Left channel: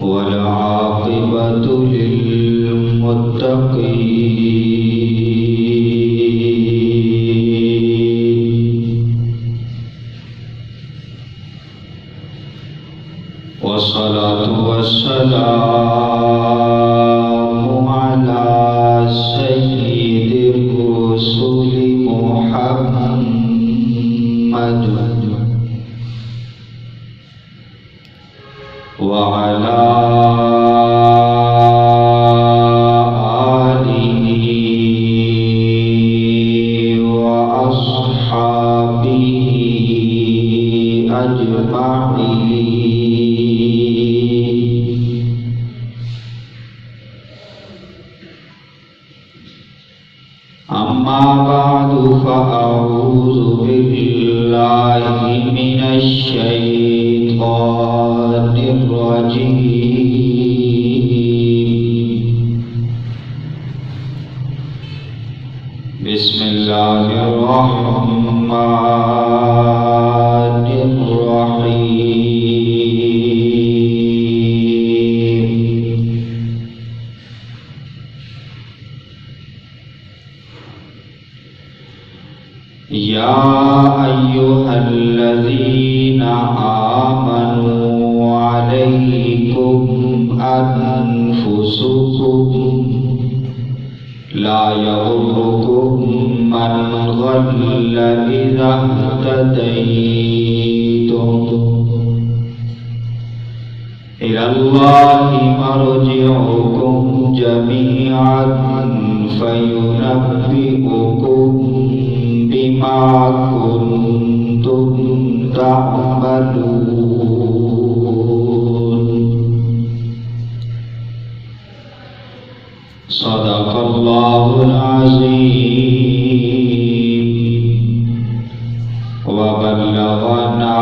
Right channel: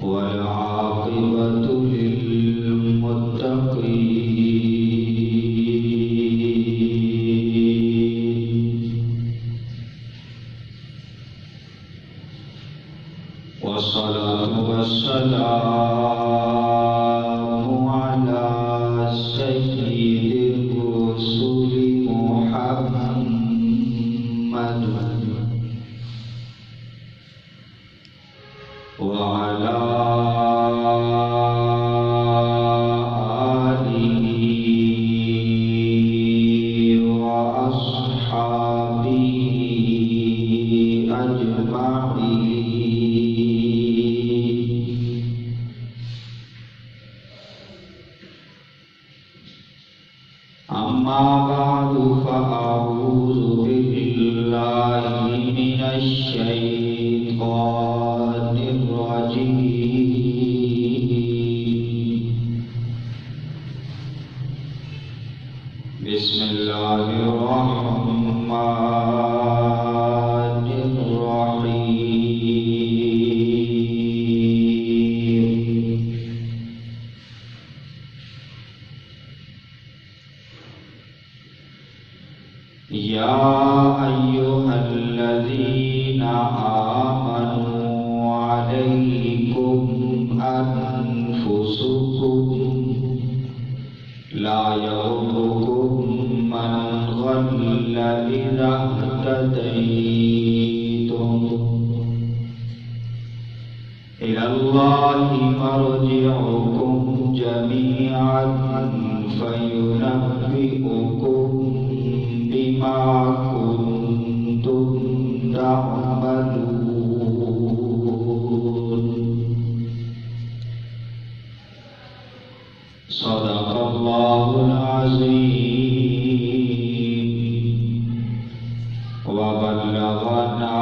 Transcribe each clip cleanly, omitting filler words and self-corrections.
والعاقبة للمتقين والصلاة والسلام على سيد الرسل محمد وعلى آله وأصحابه أجمعين. أما بعد فأعوذ بالله من الشيطان الرجيم. بسم الله الرحمن الرحيم. يا أيها الذين آمنوا عليكم أنفسكم لا يضركم من ضل إذا اهتديتم إلى الله مرجعكم جميعا فينبئكم بما كنتم تعملون. صدق الله العظيم وبلغنا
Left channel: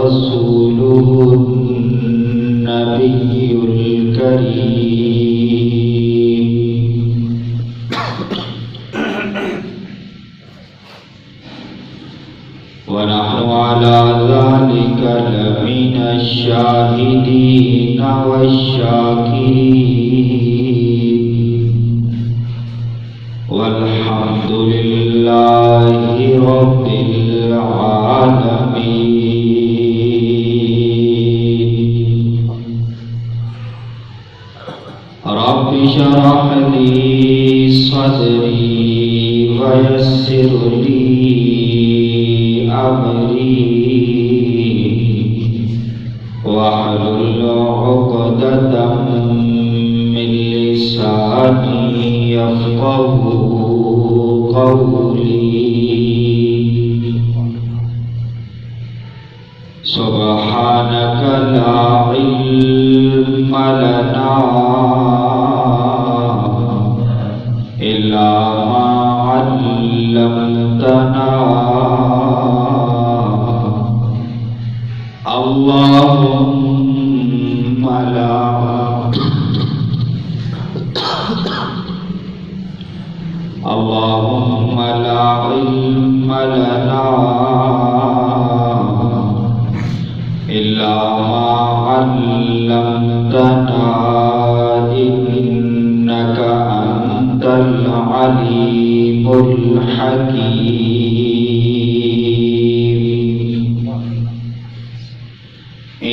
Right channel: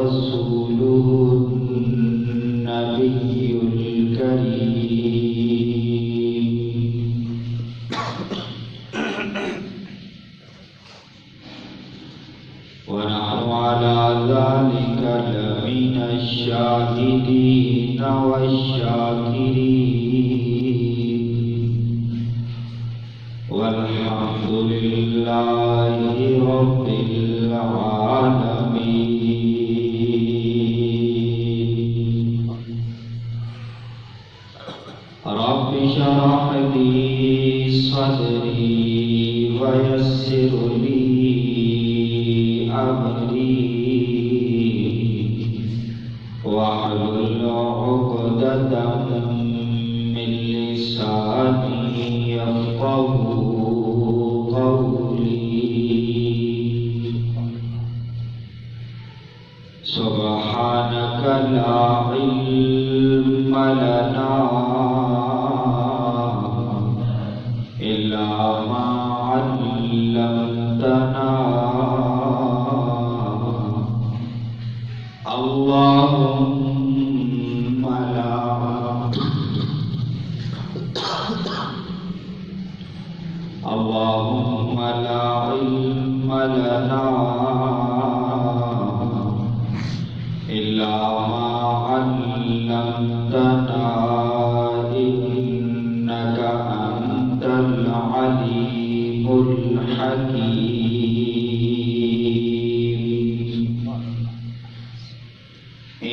رسوله النبي الكريم. ونحن على ذلك لمن الشاهدين والشاكرين والحمد لله رب العالمين. رب اشرح لي صدري ويسر لي أمري واحلل عقدة من لساني يفقهوا قولي. سبحانك لا علم لنا إلا ما علمتنا. اللهم لا علم لنا إلا ما علمتنا إنك أنت العليم الحكيم.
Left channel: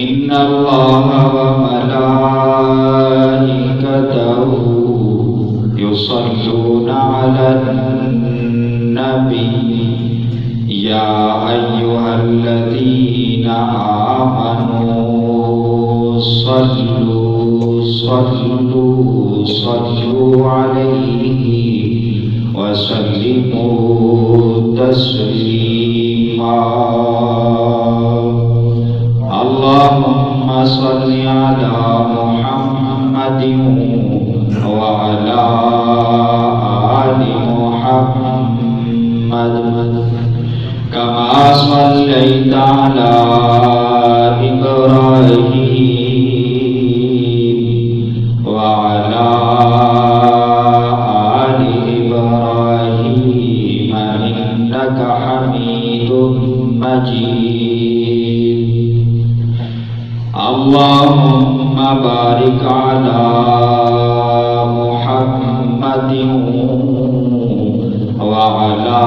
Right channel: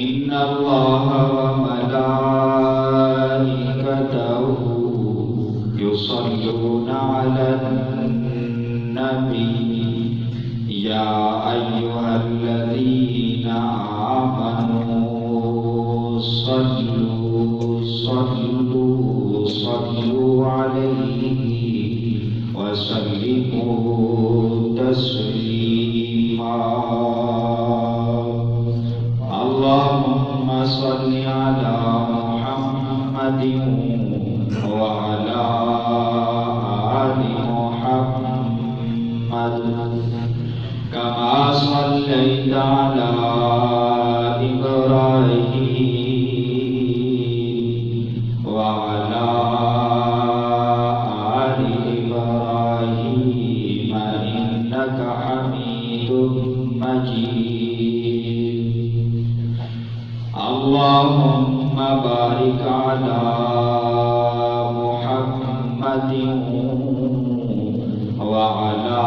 إن الله وملائكته يصلون على النبي يا أيها الذين آمنوا صلوا عليه وسلموا تسليما. اللهم صل على محمد وعلى آل محمد كما صليت على إبراهيم وعلى آل إبراهيم إنك حميد مجيد اللهم بارك على محمد وعلى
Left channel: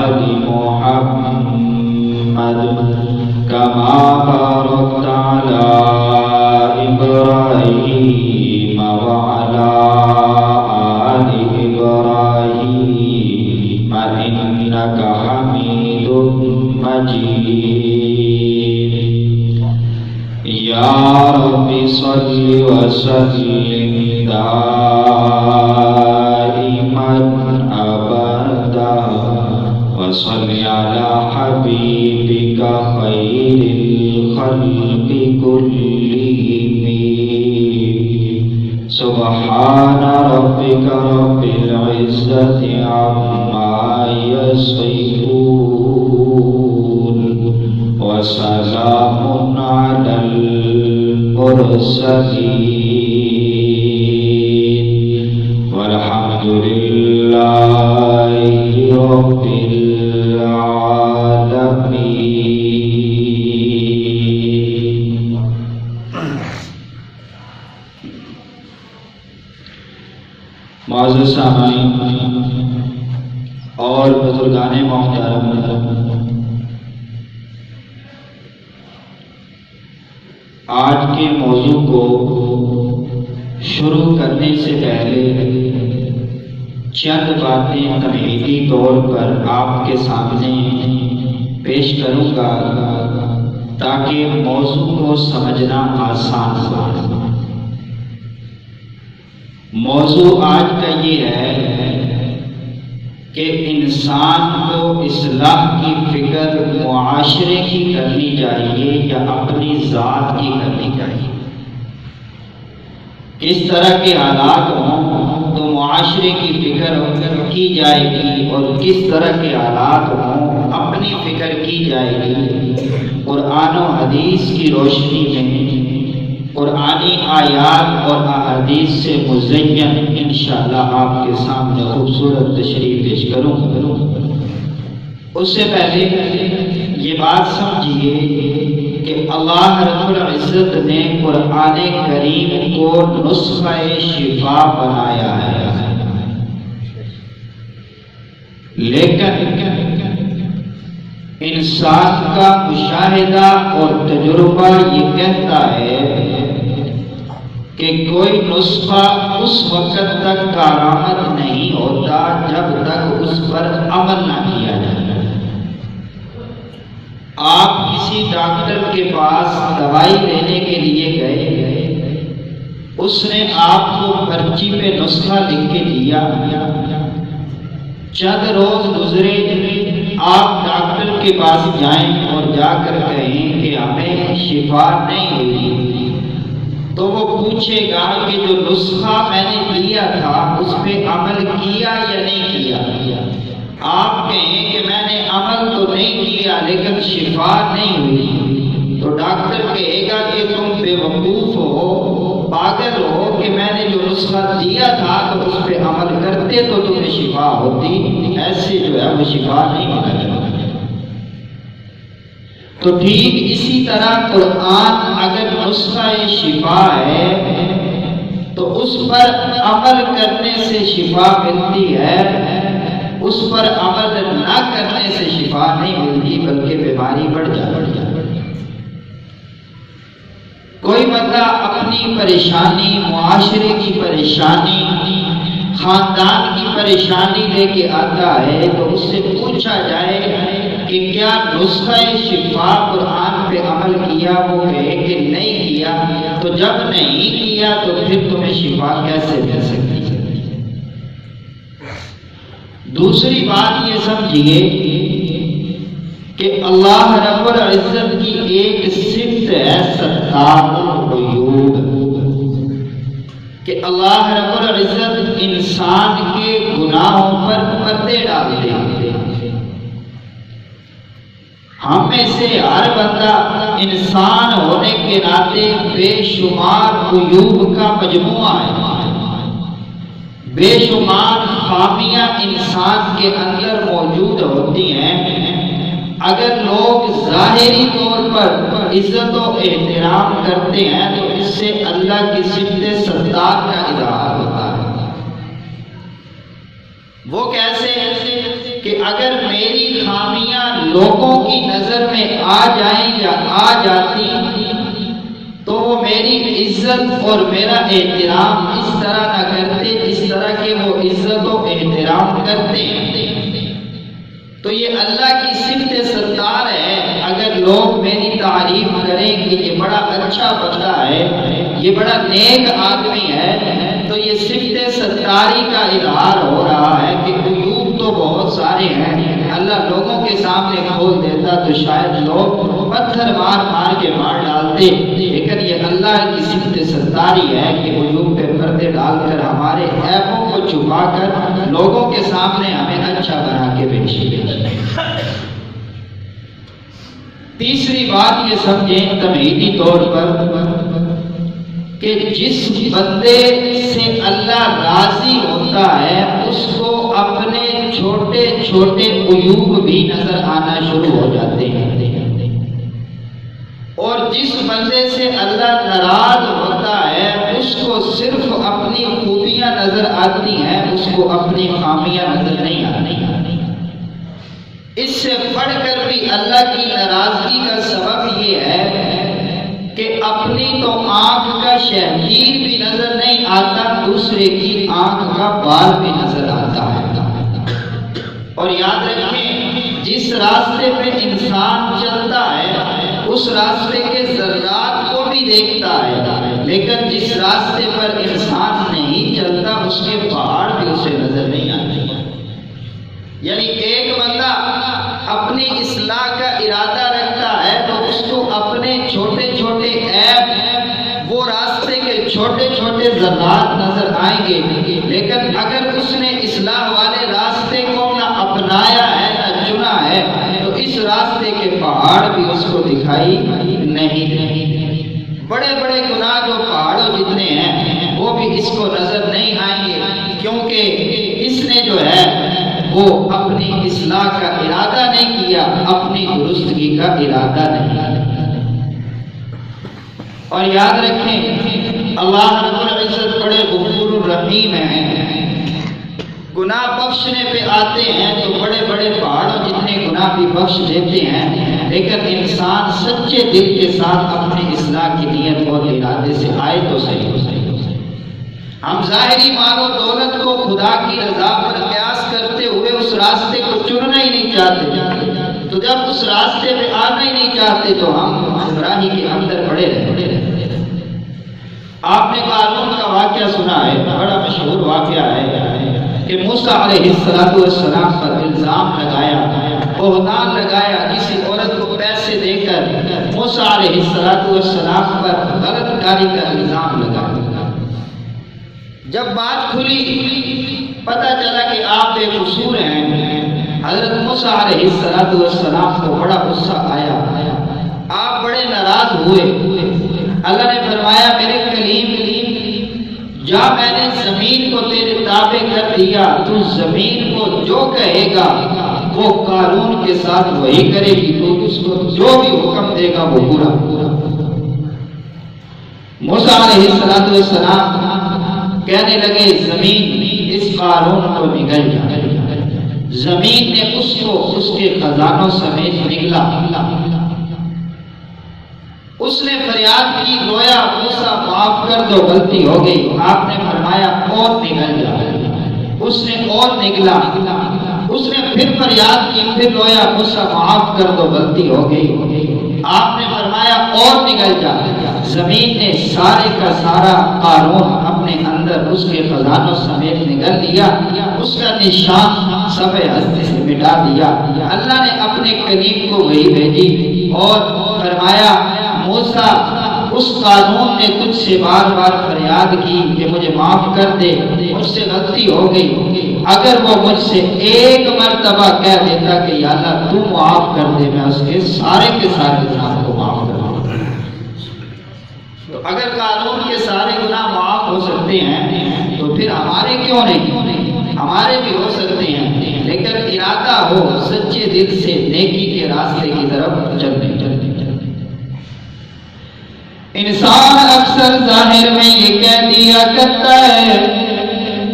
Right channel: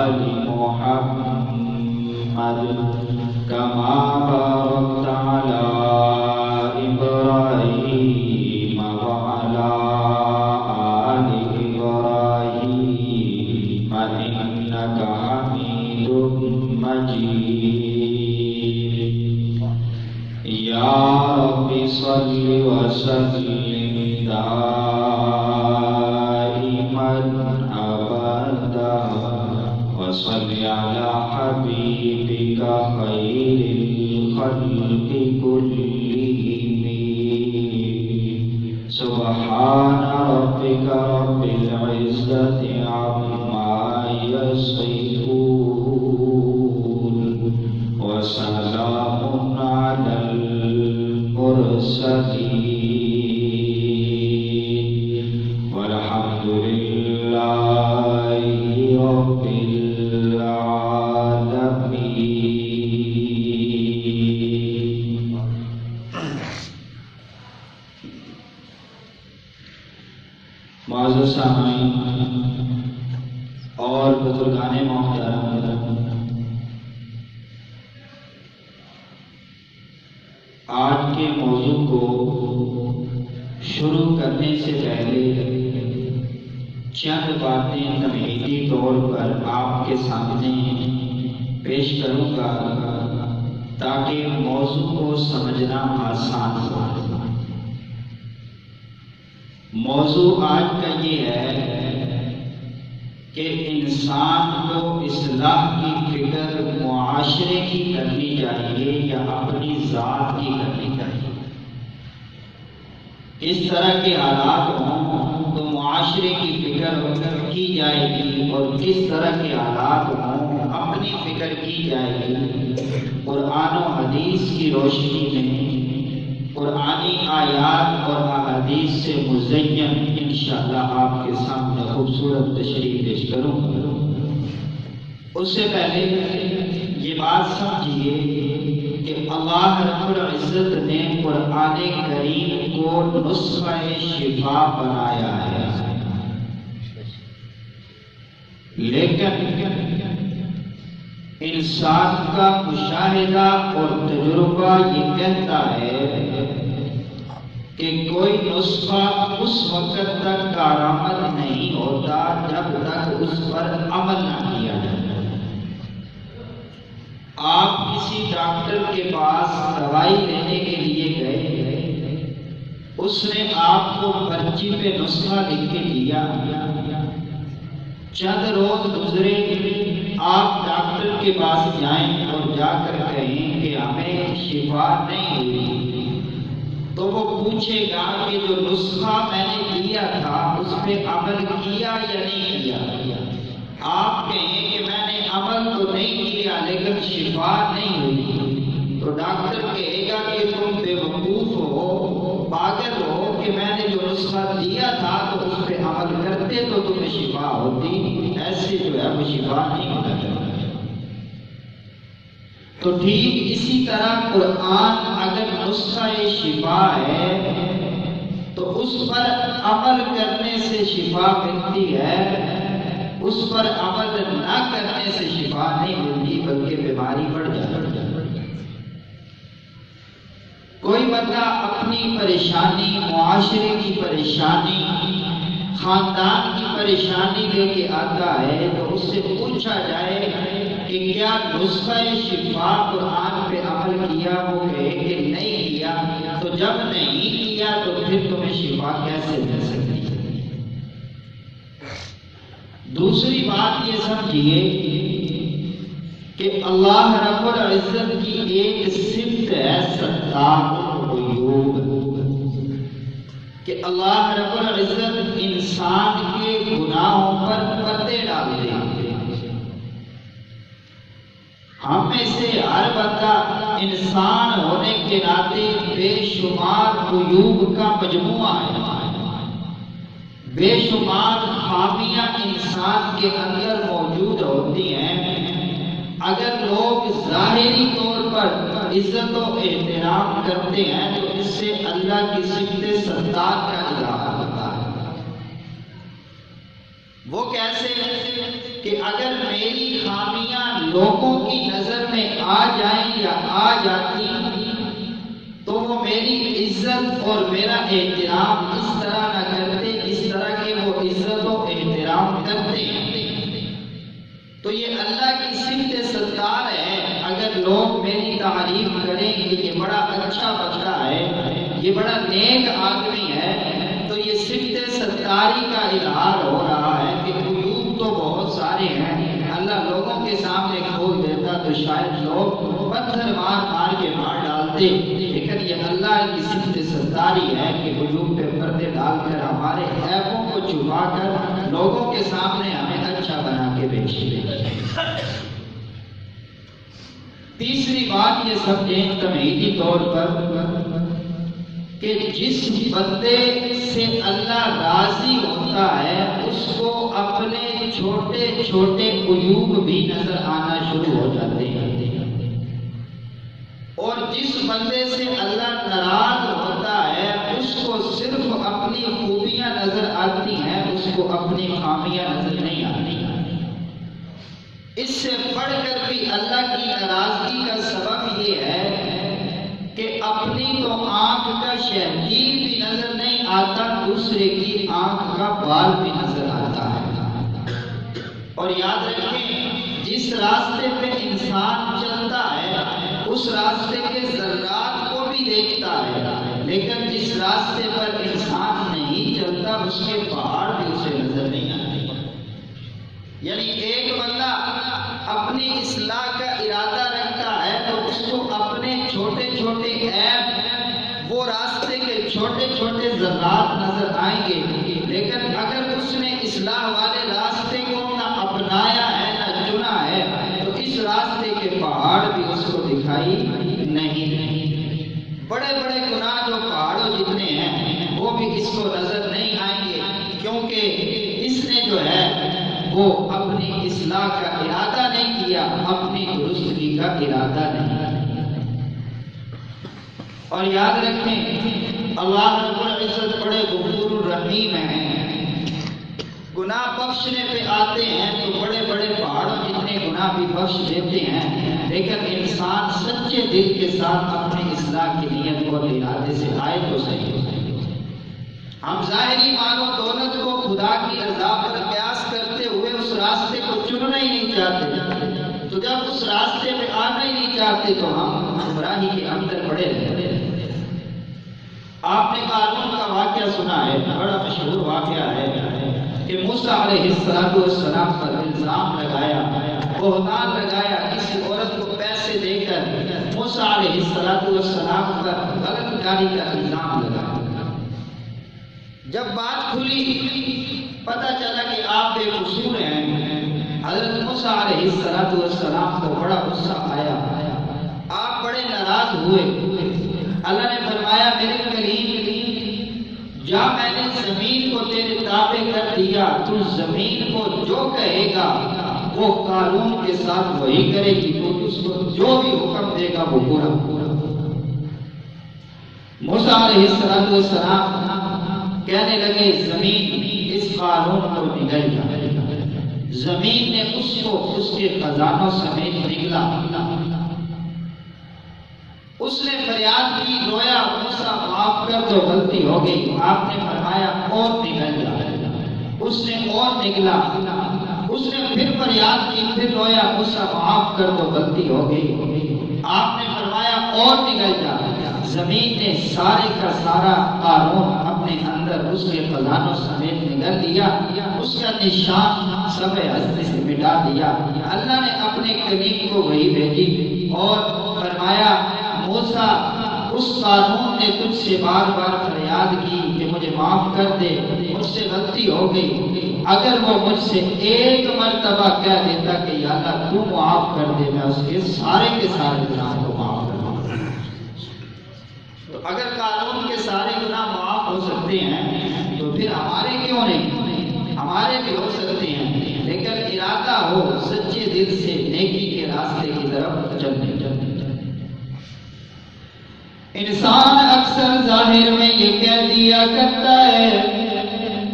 آل محمد كما باركت على إبراهيم وعلى آل إبراهيم إنك حميد مجيد يا رب صل وسلم دائما أبدا وصل على حبيبك خير الخلق كلهم سبحان ربك رب العزة عما يصفون وسلام على المرسلين والحمد لله رب العالمين. معزز سامعین اور بزرگان محترم، آج کے موضوع کو شروع کرنے سے پہلے چند باتیں تمہیدی طور پر آپ کے سامنے پیش کروں گا تاکہ موضوع کو سمجھنا آسان ہو۔ موضوع آج کا یہ ہے کہ انسان کو اصلاح کی فکر معاشرے کی کرنی چاہیے یا اپنی ذات کی کرنی چاہیے۔ کس طرح کے حالات ہوں تو معاشرے کی فکر کی جائے گی اور کس طرح کے حالات ہوں اپنی فکر کی جائے گی۔ قرآن و حدیث کی روشنی میں قرآنی آیات اور احادیث سے مزین انشاءاللہ آپ کے سامنے خوبصورت تشریح پیش کروں۔ اس سے پہلے یہ بات سمجھیے کہ اللہ رب العزت نے قرآن کریم کو نسخہ شفا بنایا ہے، لیکن انسان کا مشاہدہ اور تجربہ یہ کہتا ہے کہ کوئی نسخہ اس وقت تک کارآمد نہیں ہوتا جب تک اس پر عمل نہ کیا جائے۔ آپ کسی ڈاکٹر کے پاس دوائی لینے کے لیے گئے، اس نے آپ کو پرچی پہ نسخہ لکھ کے دیا، چند روز گزرے، آپ ڈاکٹر کے پاس جائیں اور جا کر کہیں کہ ہمیں شفا نہیں ہوئی، تو وہ پوچھے گا کہ جو نسخہ میں نے دیا تھا اس پہ عمل کیا یا نہیں کیا۔ آپ کہیں کہ میں نے عمل تو نہیں کیا لیکن شفا نہیں ہوئی، تو ڈاکٹر کہے گا کہ تم بے وقوف ہو، پاگل ہو کہ میں نے جو نسخہ دیا تھا تو اس پہ عمل کرتے تو تمہیں شفا ہوتی، ایسے جو ہے وہ شفا نہیں ہوتا۔ تو ٹھیک اسی طرح قرآن اگر نسخہ شفا ہے تو اس پر عمل کرنے سے شفا ملتی ہے، اس پر عمل نہ کرنے سے شفا نہیں ملتی بلکہ بیماری بڑھ جاتی ہے۔ کوئی بندہ اپنی پریشانی، معاشرے کی پریشانی، خاندان کی پریشانی لے کے آتا ہے تو اس سے پوچھا جائے کہ کیا نسخہ شفا قرآن پہ عمل کیا؟ وہ کہے کہ نہیں کیا، تو جب نہیں کیا تو پھر تمہیں شفا کیسے مل سکتی ہے؟ دوسری بات یہ سمجھیے کہ اللہ رب العزت کی ایک صفت ہے ستار العیوب، کہ اللہ رب العزت انسان کے گناہوں پر پردے ڈالتے ہیں۔ ہم میں سے ہر بندہ انسان ہونے کے ناطے بے شمار عیوب کا مجموعہ ہے، بے شمار خامیاں انسان کے اندر موجود ہوتی ہیں، اگر لوگ ظاہری طور پر عزت و احترام کرتے ہیں تو اس سے اللہ کی صفت ستار کا اظہار ہوتا ہے۔ وہ کیسے کہ اگر میری خامیاں لوگوں کی نظر میں آ جائیں یا آ جاتی تو وہ میری عزت اور میرا احترام اس طرح نہ کرتے جس طرح کہ وہ عزت و احترام کرتے ہیں۔ تو یہ اللہ کی صفت ستار ہے۔ اگر لوگ میری تعریف کریں کہ یہ بڑا اچھا بندہ ہے، یہ بڑا نیک آدمی ہے، تو یہ صفت ستاری کا اظہار ہو رہا ہے کہ عیوب تو بہت سارے ہیں، اللہ لوگوں کے سامنے کھول دیتا تو شاید لوگ پتھر مار مار کے مار ڈالتے، لیکن یہ اللہ کی صفت ستاری ہے کہ عیوب پہ پردے ڈال کر ہمارے عیبوں کو چھپا کر لوگوں کے سامنے ہمیں اچھا بنا کے پیش کرے۔ تیسری بات یہ سمجھیں تمہیدی طور پر کہ جس بندے سے اللہ راضی ہوتا ہے اس کو اپنے چھوٹے چھوٹے عیوب بھی نظر آنا شروع ہو جاتے ہیں، اور جس بندے سے اللہ ناراض ہوتا ہے اس کو صرف اپنی خوبیاں نظر آتی ہیں، اس کو اپنی خامیاں نظر نہیں آتی۔ اس سے بڑھ کر بھی اللہ کی ناراضگی کا سبب یہ ہے کہ اپنی تو آنکھ کا شہگیر بھی نظر نہیں آتا، دوسرے کی آنکھ کا بال بھی نظر آتا ہے۔ اور یاد رکھیں جس راستے پہ انسان چلتا ہے اس راستے کے ذرات کو بھی دیکھتا ہے، لیکن جس راستے پر انسان نہیں چلتا اس کے پہاڑ بھی اسے نظر نہیں آتے۔ یعنی ایک بندہ اپنی اصلاح کا ارادہ رکھتا ہے تو اس کو اپنے چھوٹے چھوٹے عیب، وہ راستے کے چھوٹے چھوٹے ذرات نظر آئیں گے، لیکن اگر اس نے اصلاح والے راستے کو نہ اپنایا ہے نہ چنا ہے تو اس راستے کے پہاڑ بھی اس کو دکھائی نہیں دیں۔ بڑے بڑے گناہ جو پہاڑوں جتنے ہیں وہ بھی اس کو نظر نہیں آئیں گے، کیونکہ اس نے جو ہے وہ اپنی اصلاح کا ارادہ نہیں کیا، اپنی درستگی کا ارادہ نہیں۔ اور یاد رکھیں اللہ رب العزت بڑے غفور الرحیم ہیں، گناہ بخشنے پہ آتے ہیں تو بڑے بڑے پہاڑوں جتنے گناہ بھی بخش دیتے ہیں، لیکن انسان سچے دل کے ساتھ اپنی اصلاح کی نیت اور ارادے سے آئے تو صحیح۔ ہم ظاہری مال و دولت کو خدا کی رضا پر قیاس کرتے ہوئے اس راستے کو چننا ہی نہیں چاہتے، تو جب اس راستے پہ آنا ہی نہیں چاہتے تو ہم گمراہی کے اندر پڑے رہتے۔ آپ نے قارون کا واقعہ سنا ہے، بڑا مشہور واقعہ ہے کہ موسیٰ علیہ السلام پر الزام لگایا، بہتان لگایا، کسی عورت کو پیسے دے کر موسیٰ علیہ السلام پر غلط کاری کا الزام لگایا۔ جب بات کھلی پتہ چلا کہ آپ بے قصور ہیں، حضرت موسیٰ علیہ السلام کو بڑا غصہ آیا، آپ بڑے ناراض ہوئے۔ اللہ نے فرمایا میرے کلیم جا، میں نے زمین کو تیرے تابع کر دیا، تو زمین کو جو کہے گا وہ قارون کے ساتھ وہی کرے گی، تو اس کو جو بھی حکم دے گا وہ پورا۔ موسیٰ علیہ السلام کہنے لگے زمین اس قارون کو نگل جا۔ زمین نے اس کو اس کے خزانوں سمیت نگلا۔ اس نے فریاد کی، رویا، موسیٰ معاف کر دو، غلطی ہو گئی۔ آپ نے فرمایا اور نگل جا۔ اس نے اور نگلا۔ اس نے پھر فریاد کی، پھر رویا، موسیٰ معاف کر دو، غلطی ہو گئی۔ آپ نے فرمایا اور نگل جا۔ زمین نے سارے کا سارا قارون اپنے اندر اس کے خزانوں سمیت نگل لیا، اس کا نشان صفحہ ہستی سے مٹا دیا۔ اللہ نے اپنے کلیم کو وحی بھیجی اور فرمایا موسیٰ اس قارون نے تجھ سے بار بار فریاد کی کہ مجھے معاف کر دے، مجھ سے غلطی ہو گئی، اگر وہ مجھ سے ایک مرتبہ کہہ دیتا کہ یا اللہ تو معاف کر دے، میں اس کے سارے گناہ کو معاف کر دوں۔ تو اگر قانون کے سارے گناہ معاف ہو سکتے ہیں تو پھر ہمارے کیوں نہیں؟ ہمارے بھی ہو سکتے ہیں۔ لیکن ارادہ ہو سچے دل سے نیکی کے راستے کی طرف چلنے۔ انسان اکثر ظاہر میں یہ کہہ دیا کرتا ہے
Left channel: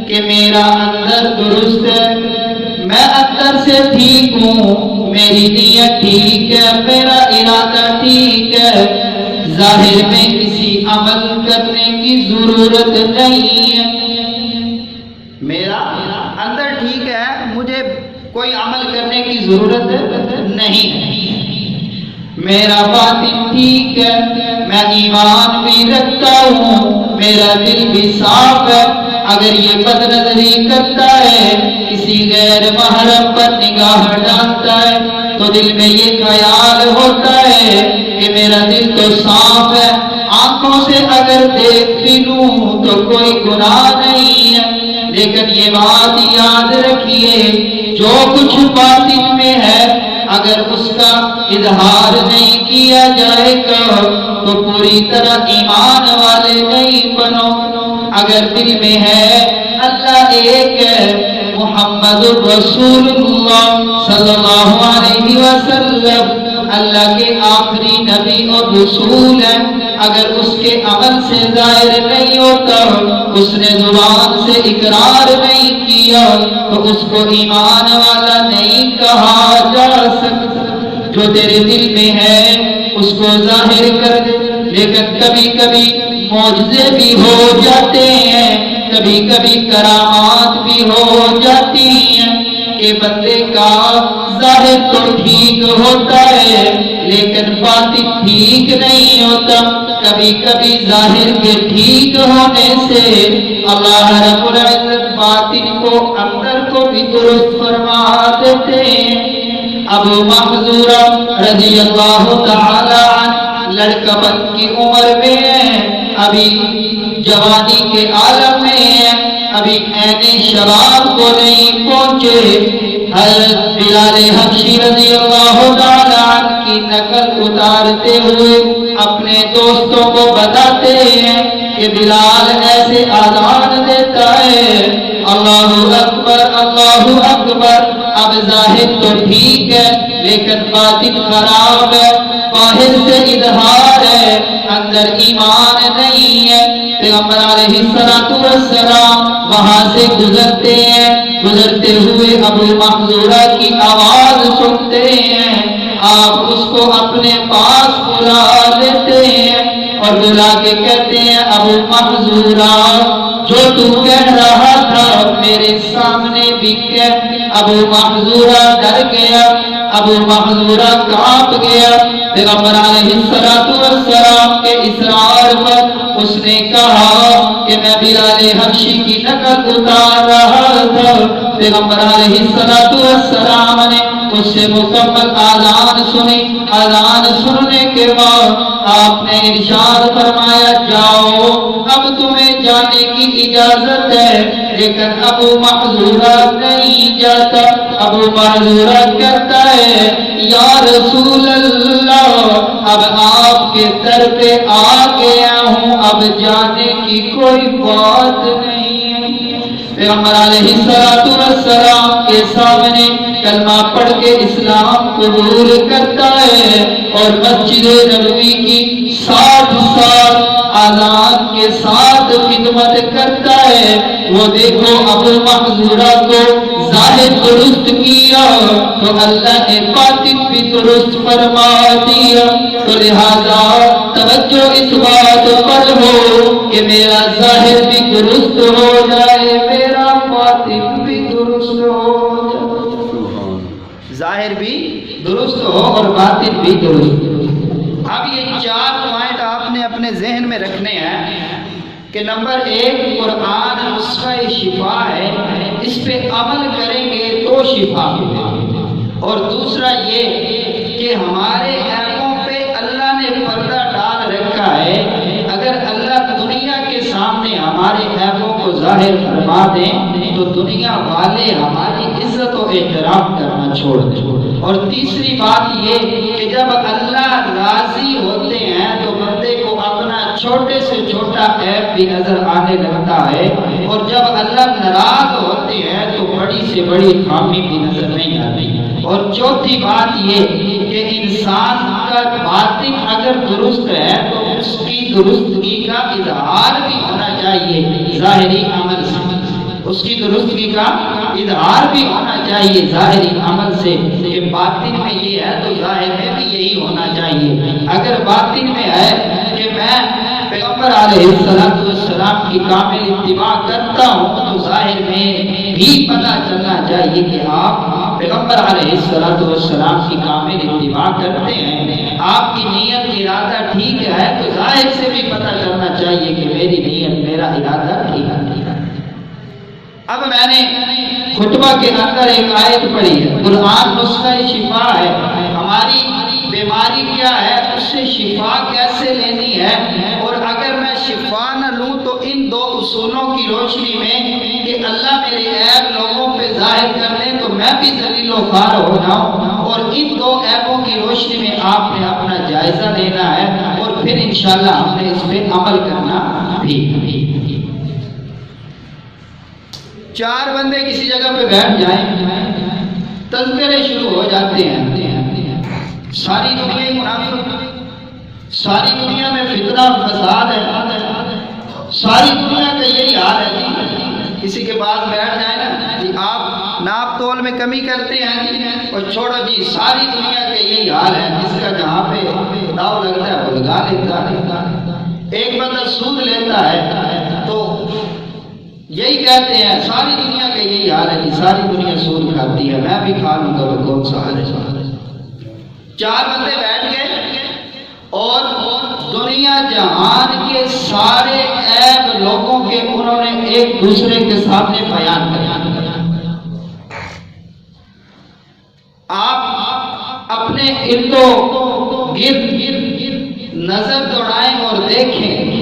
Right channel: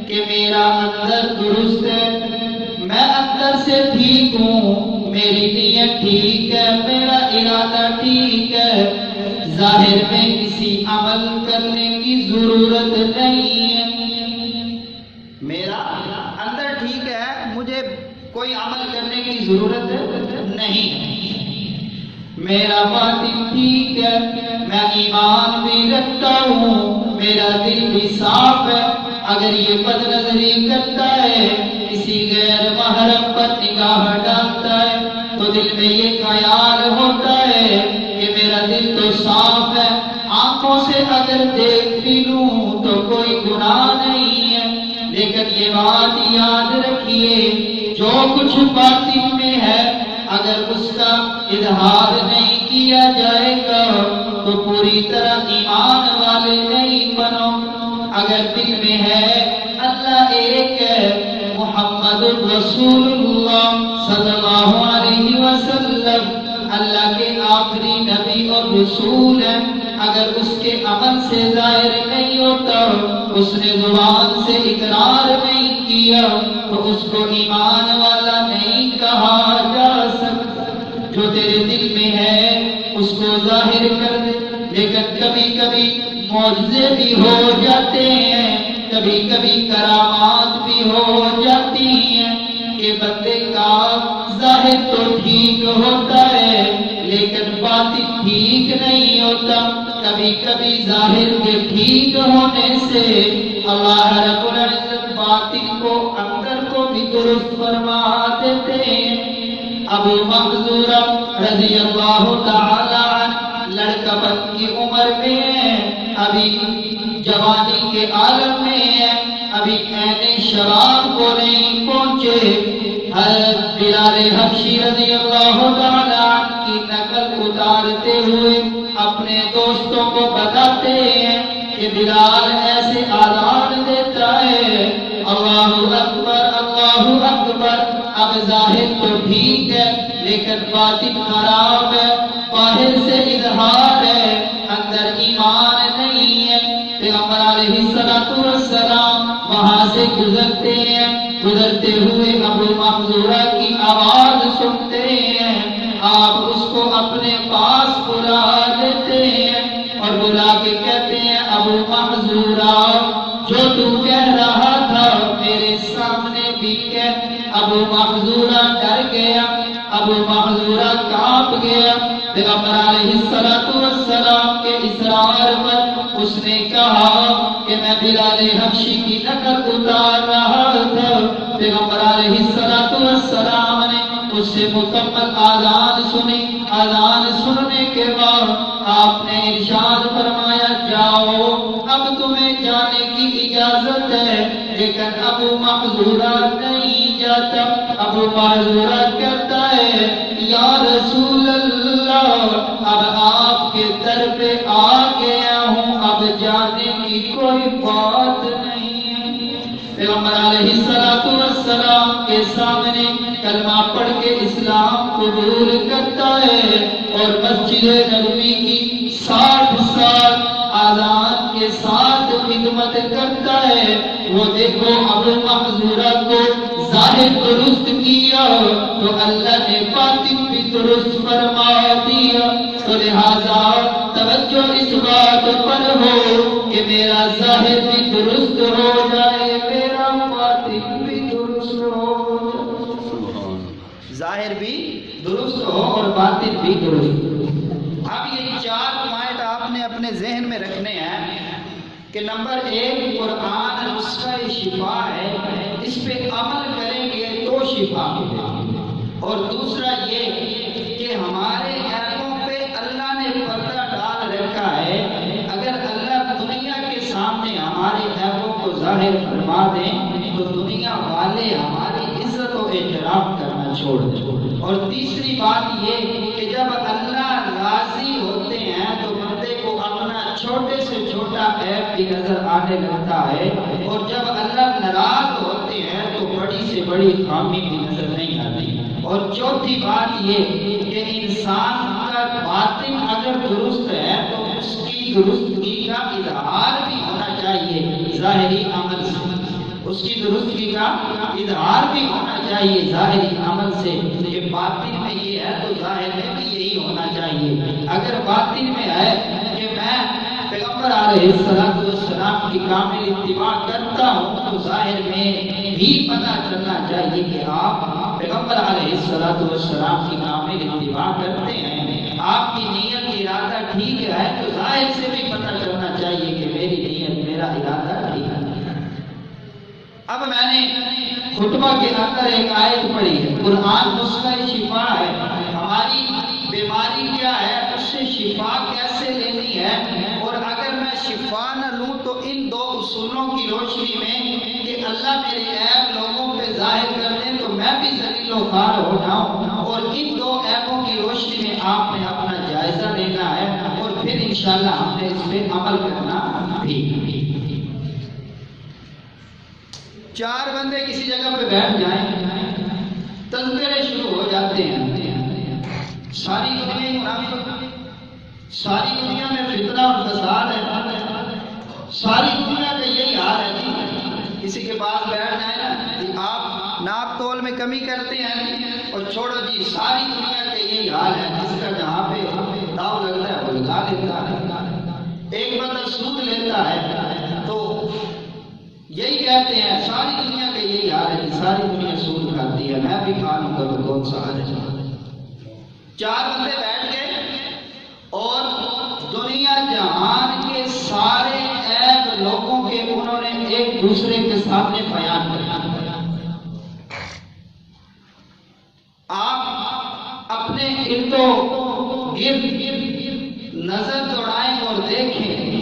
کہ میرا اندر درست ہے، میں اندر سے ٹھیک ہوں، میری نیت ٹھیک ہے، میرا ارادہ ٹھیک ہے، ظاہر میں کسی عمل کرنے کی ضرورت نہیں ہے۔ میرا اندر ٹھیک ہے، مجھے کوئی عمل کرنے کی ضرورت نہیں ہے، میرا باطن ٹھیک ہے، میں ایمان بھی رکھتا ہوں، میرا دل بھی صاف ہے۔ اگر یہ بد نظری کرتا ہے، کسی غیر محرم پر نگاہ ڈالتا ہے، تو دل میں یہ خیال ہوتا ہے کہ میرا دل تو صاف ہے، آنکھوں سے اگر دیکھ بھی لوں تو کوئی گناہ نہیں ہے۔ لیکن یہ بات یاد رکھیے، جو کچھ باطن میں ہے اگر اس کا اظہار نہیں کیا جائے گا تو پوری طرح ایمان والے نہیں بنو۔ اگر دل میں ہے اللہ ایک ہے، محمد رسول اللہ صلی اللہ علیہ وسلم اللہ کے آخری نبی اور رسول ہیں، اگر اس کے عمل سے ظاہر نہیں ہوتا، اس نے زبان سے اقرار نہیں کیا تو اس کو ایمان والا نہیں کہا جا سکتا۔ جو تیرے دل میں ہے اس کو ظاہر کر دے، لیکن کبھی کبھی معجزے بھی ہو جاتے ہیں، کبھی کبھی کرامات بھی ہو جاتی ہیں کہ بندے کا ظاہر تو ٹھیک ہوتا ہے لیکن باطن ٹھیک نہیں ہوتا۔ کبھی کبھی ظاہر کے ٹھیک ہونے سے اللہ رب العزت باطن کو اندر کو بھی درست فرما دیتے ہیں۔ ابو محذورہ رضی اللہ تعالی عنہ لڑکا بن کی عمر میں ہے، ابھی جوانی کے عالم میں ہے، ابھی عین شباب کو نہیں پہنچے۔ حضرت بلال حبشی رضی اللہ تعالی عنہ کی نقل اتارتے ہوئے اپنے دوستوں کو بتاتے ہیں کہ بلال ایسے آذان دیتا ہے، اللہ اکبر اللہ اکبر۔ اب ظاہر تو ٹھیک ہے لیکن باطن خراب ہے، باہر سے اظہار ہے، اندر ایمان نہیں ہے۔ پیغمبر علیہ السلام وہاں سے گزرتے ہیں، گزرتے ہوئے ابو محذورہ کی آواز سنتے ہیں، آپ اس کو اپنے پاس بلا لیتے ہیں اور بلا کے کہتے ہیں، ابو محذورہ جو تو کہہ رہا تھا میرے سامنے بھی کہہ۔ ابو محذورہ ڈر گیا، ابو محذورہ کانپ گیا۔ پیغمبر علیہ السلام کے اصرار پر اس نے کہا کہ میں بلال حبشی کی نقل اتار رہا تھا۔ پیغمبر علیہ السلام نے اس سے مکمل آذان سنی۔ آذان سننے کے بعد آپ نے ارشاد فرمایا، جاؤ اب تمہیں جانے کی اجازت ہے۔ لیکن ابو محذورہ نہیں جاتا۔ ابو محذورہ کہتا ہے، یا رسول اللہ اب آپ کے در پہ آ گیا ہوں، اب جانے کی کوئی بات نہیں ہے۔ پیغمبر علیہ السلام کے سامنے کلمہ پڑھ کے اسلام قبول کرتا ہے اور مسجد نبوی کی 60 سال آذان کے ساتھ خدمت کرتا ہے۔ وہ دیکھو ابو محذورہ کو ظاہر درست کیا تو اللہ نے باطن بھی درست فرما دیا۔ تو لہذا توجہ اس بات پر ہو کہ میرا ظاہر بھی درست ہو جائے، میرا باطن بھی درست ہو جائے، ظاہر بھی درست ہو اور باطن بھی درست ہو۔ اب یہ 4 پوائنٹ آپ نے اپنے ذہن میں رکھنے ہیں کہ نمبر 1 قرآن نسخہ شفا ہے، اس پہ عمل کریں گے تو شفا ملے گی، اور دوسرا یہ کہ ہمارے عیبوں پہ اللہ نے پردہ ڈال رکھا ہے، اگر اللہ دنیا کے سامنے ہمارے عیبوں کو ظاہر فرما دیں تو دنیا والے ہماری عزت و احترام کرنا چھوڑ دیں۔ اور تیسری بات یہ کہ جب اللہ راضی ہوتے ہیں تو بندے کو اپنا چھوٹے سے چھوٹا عیب بھی نظر آنے لگتا ہے، اور جب اللہ ناراض ہوتے ہیں تو بڑی سے بڑی خامی بھی نظر نہیں آتی۔ اور چوتھی بات یہ کہ انسان کا باطن اگر درست ہے تو اس کی درستگی کا اظہار بھی ہونا چاہیے ظاہری عمل سے، اس کی درستگی کا اظہار بھی ہونا چاہیے ظاہری عمل سے۔ یہ باطن میں یہ ہے تو ظاہر میں بھی یہی ہونا چاہیے۔ اگر باطن میں ہے کہ میں پیغمبر علیہ السلام کی کامل اتباع کرتا ہوں تو ظاہر میں بھی پتہ چلنا چاہیے کہ آپ پیغمبر علیہ السلام کی کامل اتباع کرتے ہیں۔ آپ کی نیت ارادہ ٹھیک ہے تو ظاہر سے بھی پتہ چلنا چاہیے کہ میری نیت میرا ارادہ ٹھیک ہے۔ اب میں نے خطبہ کے اندر ایک آیت پڑھی ہے، قرآن نسخہ شفا ہے، ہماری بیماری کیا ہے، اس سے شفا کیسے لینی ہے، اور اگر میں شفا نہ لوں تو ان دو اصولوں کی روشنی میں کہ اللہ میرے عیب لوگوں پہ ظاہر کر دیں تو میں بھی ذلیل و خوار ہو جاؤں، اور ان دو عیبوں کی روشنی میں آپ نے اپنا جائزہ لینا ہے اور پھر انشاءاللہ ہم نے اس پہ عمل کرنا بھی۔ چار بندے کسی جگہ پہ بیٹھ جائیں، تذکرے شروع ہو جاتے ہیں، ساری دنیا منافق، ساری دنیا میں فتنہ اور فساد ہے، ساری دنیا کا یہی حال ہے جی۔ کسی کے پاس بیٹھ جائیں نا جی، آپ ناپ تول میں کمی کرتے ہیں اور چھوڑو جی، ساری دنیا کا یہی حال ہے، جس کا جہاں پہ داؤ لگتا ہے وہ لگا لیتا ہے۔ ایک بندہ سود لیتا ہے تو یہی کہتے ہیں ساری دنیا کا یہی حال ہے کہ ساری دنیا سود کھاتی ہے، میں بھی کھا لوں گا، وہ کون سا حال ہے۔ چار بندے بیٹھ گئے اور دنیا جہان کے سارے عیب لوگوں کے انہوں نے ایک دوسرے کے سامنے بیان کیا۔ آپ اپنے ارد و گرد نظر دوڑائیں اور دیکھیں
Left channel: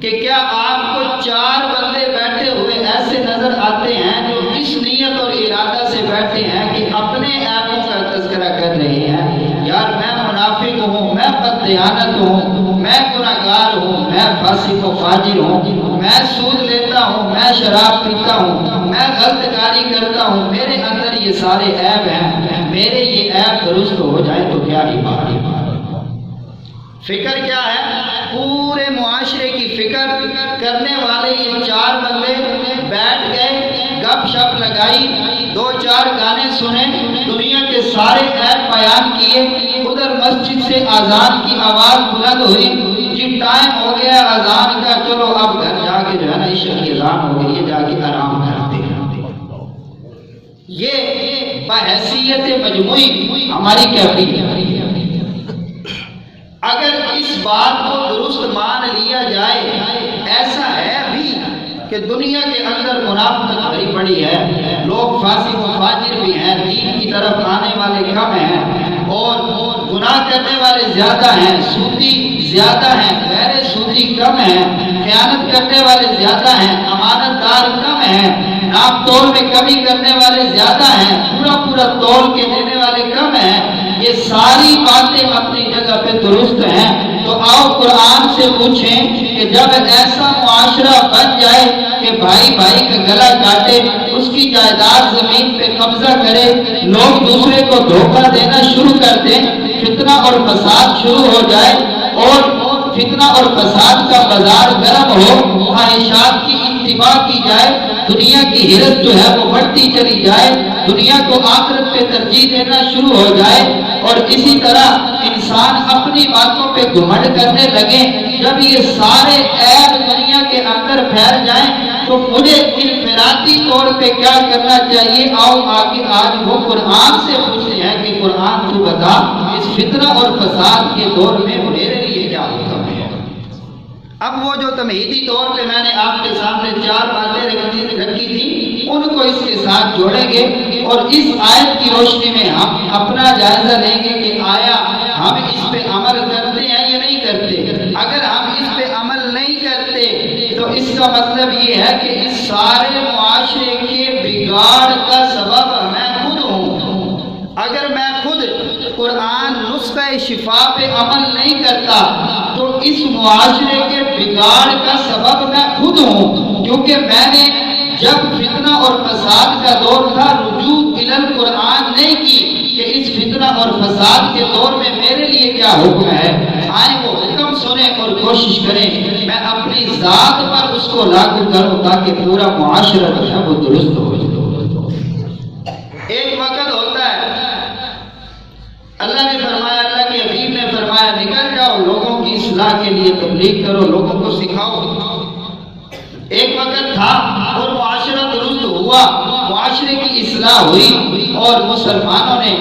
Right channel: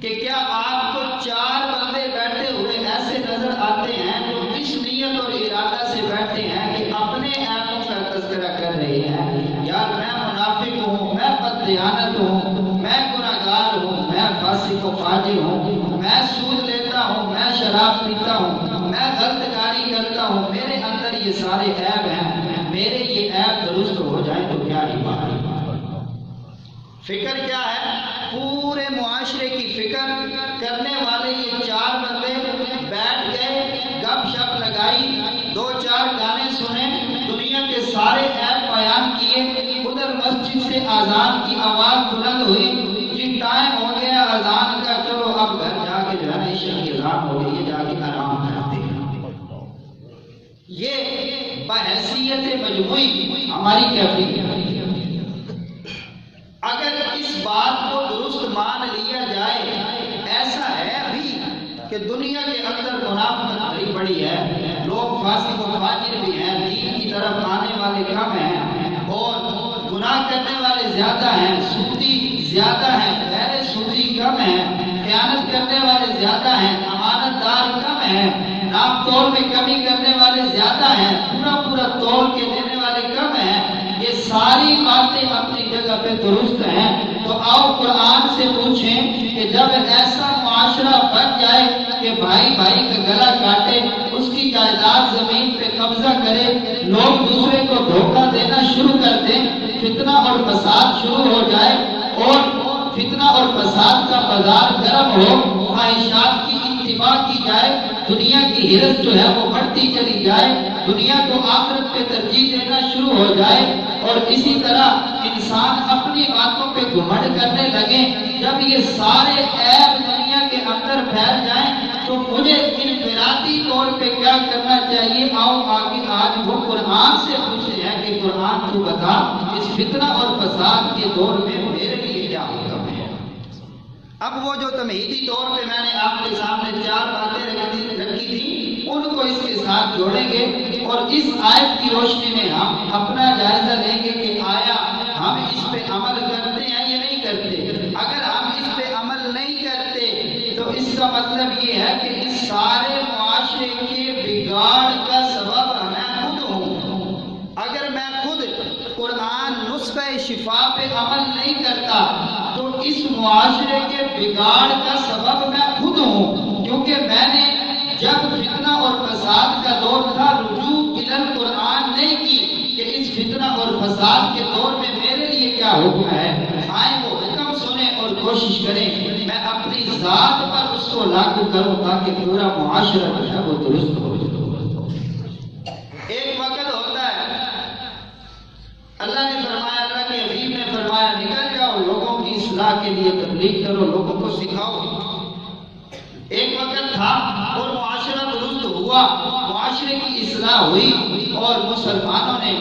کہ کیا آپ کو چار بندے بیٹھے ہوئے ایسے نظر آتے ہیں جو اس نیت اور ارادہ سے بیٹھے ہیں کہ اپنے عیبوں کا تذکرہ کر رہے ہیں، یار میں منافق ہوں، میں بددیانت ہوں، میں گناہگار ہوں، میں فاسق و فاجر ہوں، میں سود لیتا ہوں، میں شراب پیتا ہوں، میں غلط کاری کرتا ہوں، میرے اندر یہ سارے عیب ہیں، میرے یہ عیب درست ہو جائیں تو کیا ہی بات ہے۔ فکر کیا ہے؟ پورے معاشرے کی فکر کرنے والے یہ چار بندے بیٹھ گئے، گپ شپ لگائی، دو چار گانے سنے، دنیا کے سارے عیب بیان کیے، ادھر مسجد سے اذان کی آواز بلند ہوئی، جی ٹائم ہو گیا اذان کا، چلو اب گھر جا کے جو ہے نا عشاء کی اذان ہو گئی ہے، جا کے آرام کرتے ہیں۔ یہ بحیثیت مجموعی ہماری کیفیت ہے۔ اگر اس بات کو درست مان لیا جائے، ایسا ہے بھی کہ دنیا کے اندر منافقت بڑی بڑی ہے، لوگ فاسق و فاجر بھی ہیں، دین کی طرف آنے والے کم ہیں اور گناہ کرنے والے زیادہ ہیں، سودی زیادہ ہیں، غیر سودی کم ہیں، خیانت کرنے والے زیادہ ہیں، امانت دار کم ہیں، ناپ تول میں کمی کرنے والے زیادہ ہیں، پورا تول کے دینے والے کم ہیں۔ یہ ساری باتیں اپنی جگہ پہ درست ہیں، تو آؤ قرآن سے پوچھیں کہ جب ایسا معاشرہ بن جائے کہ بھائی بھائی کا گلا کاٹے، اس کی جائیداد زمین پہ قبضہ کرے، لوگ دوسرے کو دھوکہ دینا شروع کر دیں، فتنہ اور فساد شروع ہو جائے اور فتنہ اور فساد کا بازار گرم ہو، خواہشات کی اتباع کی جائے، دنیا کی حرص جو ہے وہ بڑھتی چلی جائے، دنیا کو آخرت پہ ترجیح دینا شروع ہو جائے، اور اسی طرح انسان اپنی باتوں پہ گھمنڈ کرنے لگے، جب یہ سارے عیب دنیا کے اندر پھیل جائیں تو مجھے انفرادی طور پہ کیا کرنا چاہیے؟ آؤ آگے آج وہ قرآن سے پوچھتے ہیں کہ قرآن تو بتا، اس فتنہ اور فساد کے دور میں میرے لیے کیا حکم ہے؟ اب وہ جو تمہیدی طور پہ میں نے آپ کے سامنے چار باتیں رکھی تھی، ان کو اس کے ساتھ جوڑیں گے اور اس آیت کی روشنی میں ہم اپنا جائزہ لیں گے کہ آیا ہم اس پہ عمل کرتے ہیں یا نہیں کرتے۔ اگر ہم اس پہ عمل نہیں کرتے تو اس کا مطلب یہ ہے کہ اس سارے معاشرے کے بگاڑ کا سبب میں خود ہوں۔ اگر میں خود قرآن نسخہ شفا پہ عمل نہیں کرتا تو اس معاشرے کے بگاڑ کا سبب میں خود ہوں، کیونکہ میں نے جب فتنہ اور فساد کا دور تھا رجوع الی القرآن نہیں کی کہ اس فتنہ اور فساد کے دور میں میرے لیے کیا حکم ہے، آئیں وہ حکم سنیں اور کوشش کریں میں اپنی ذات پر اس کو لاگو کروں تاکہ پورا معاشرہ جو ہے وہ درست ہو جائے۔ ایک وقت ہوتا ہے اللہ نے فرمایا، اللہ کے حبیب نے فرمایا نکل جاؤ لوگوں کی اصلاح کے لیے تبلیغ کرو، لوگوں کو سکھاؤ۔ ایک وقت تھا اور معاشرہ درست ہوا، معاشرے کی اصلاح ہوئی اور مسلمانوں نے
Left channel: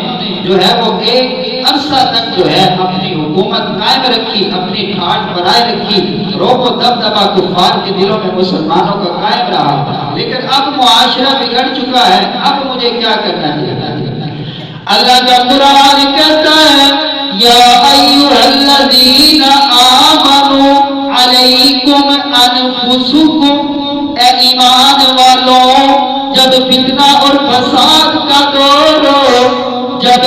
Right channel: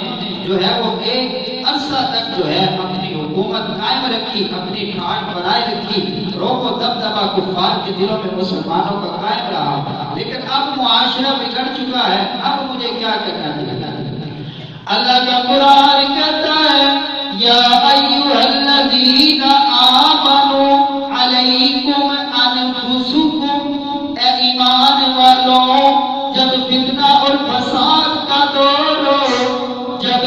جو ہے وہ ایک عرصہ تک جو ہے اپنی حکومت قائم رکھی، اپنی ٹھاٹ بنائے رکھی، روب و دبدبہ کفار کے دلوں میں مسلمانوں کا قائم رہا۔ لیکن اب معاشرہ بگڑ چکا ہے، اب مجھے کیا کرنا چاہیے؟ اللہ کا قرآن کہتا ہے یا ایھا الذین آمنوا علیکم انفسکم، اے ایمان والوں جب فتنہ اور فساد کا دور ہو، جب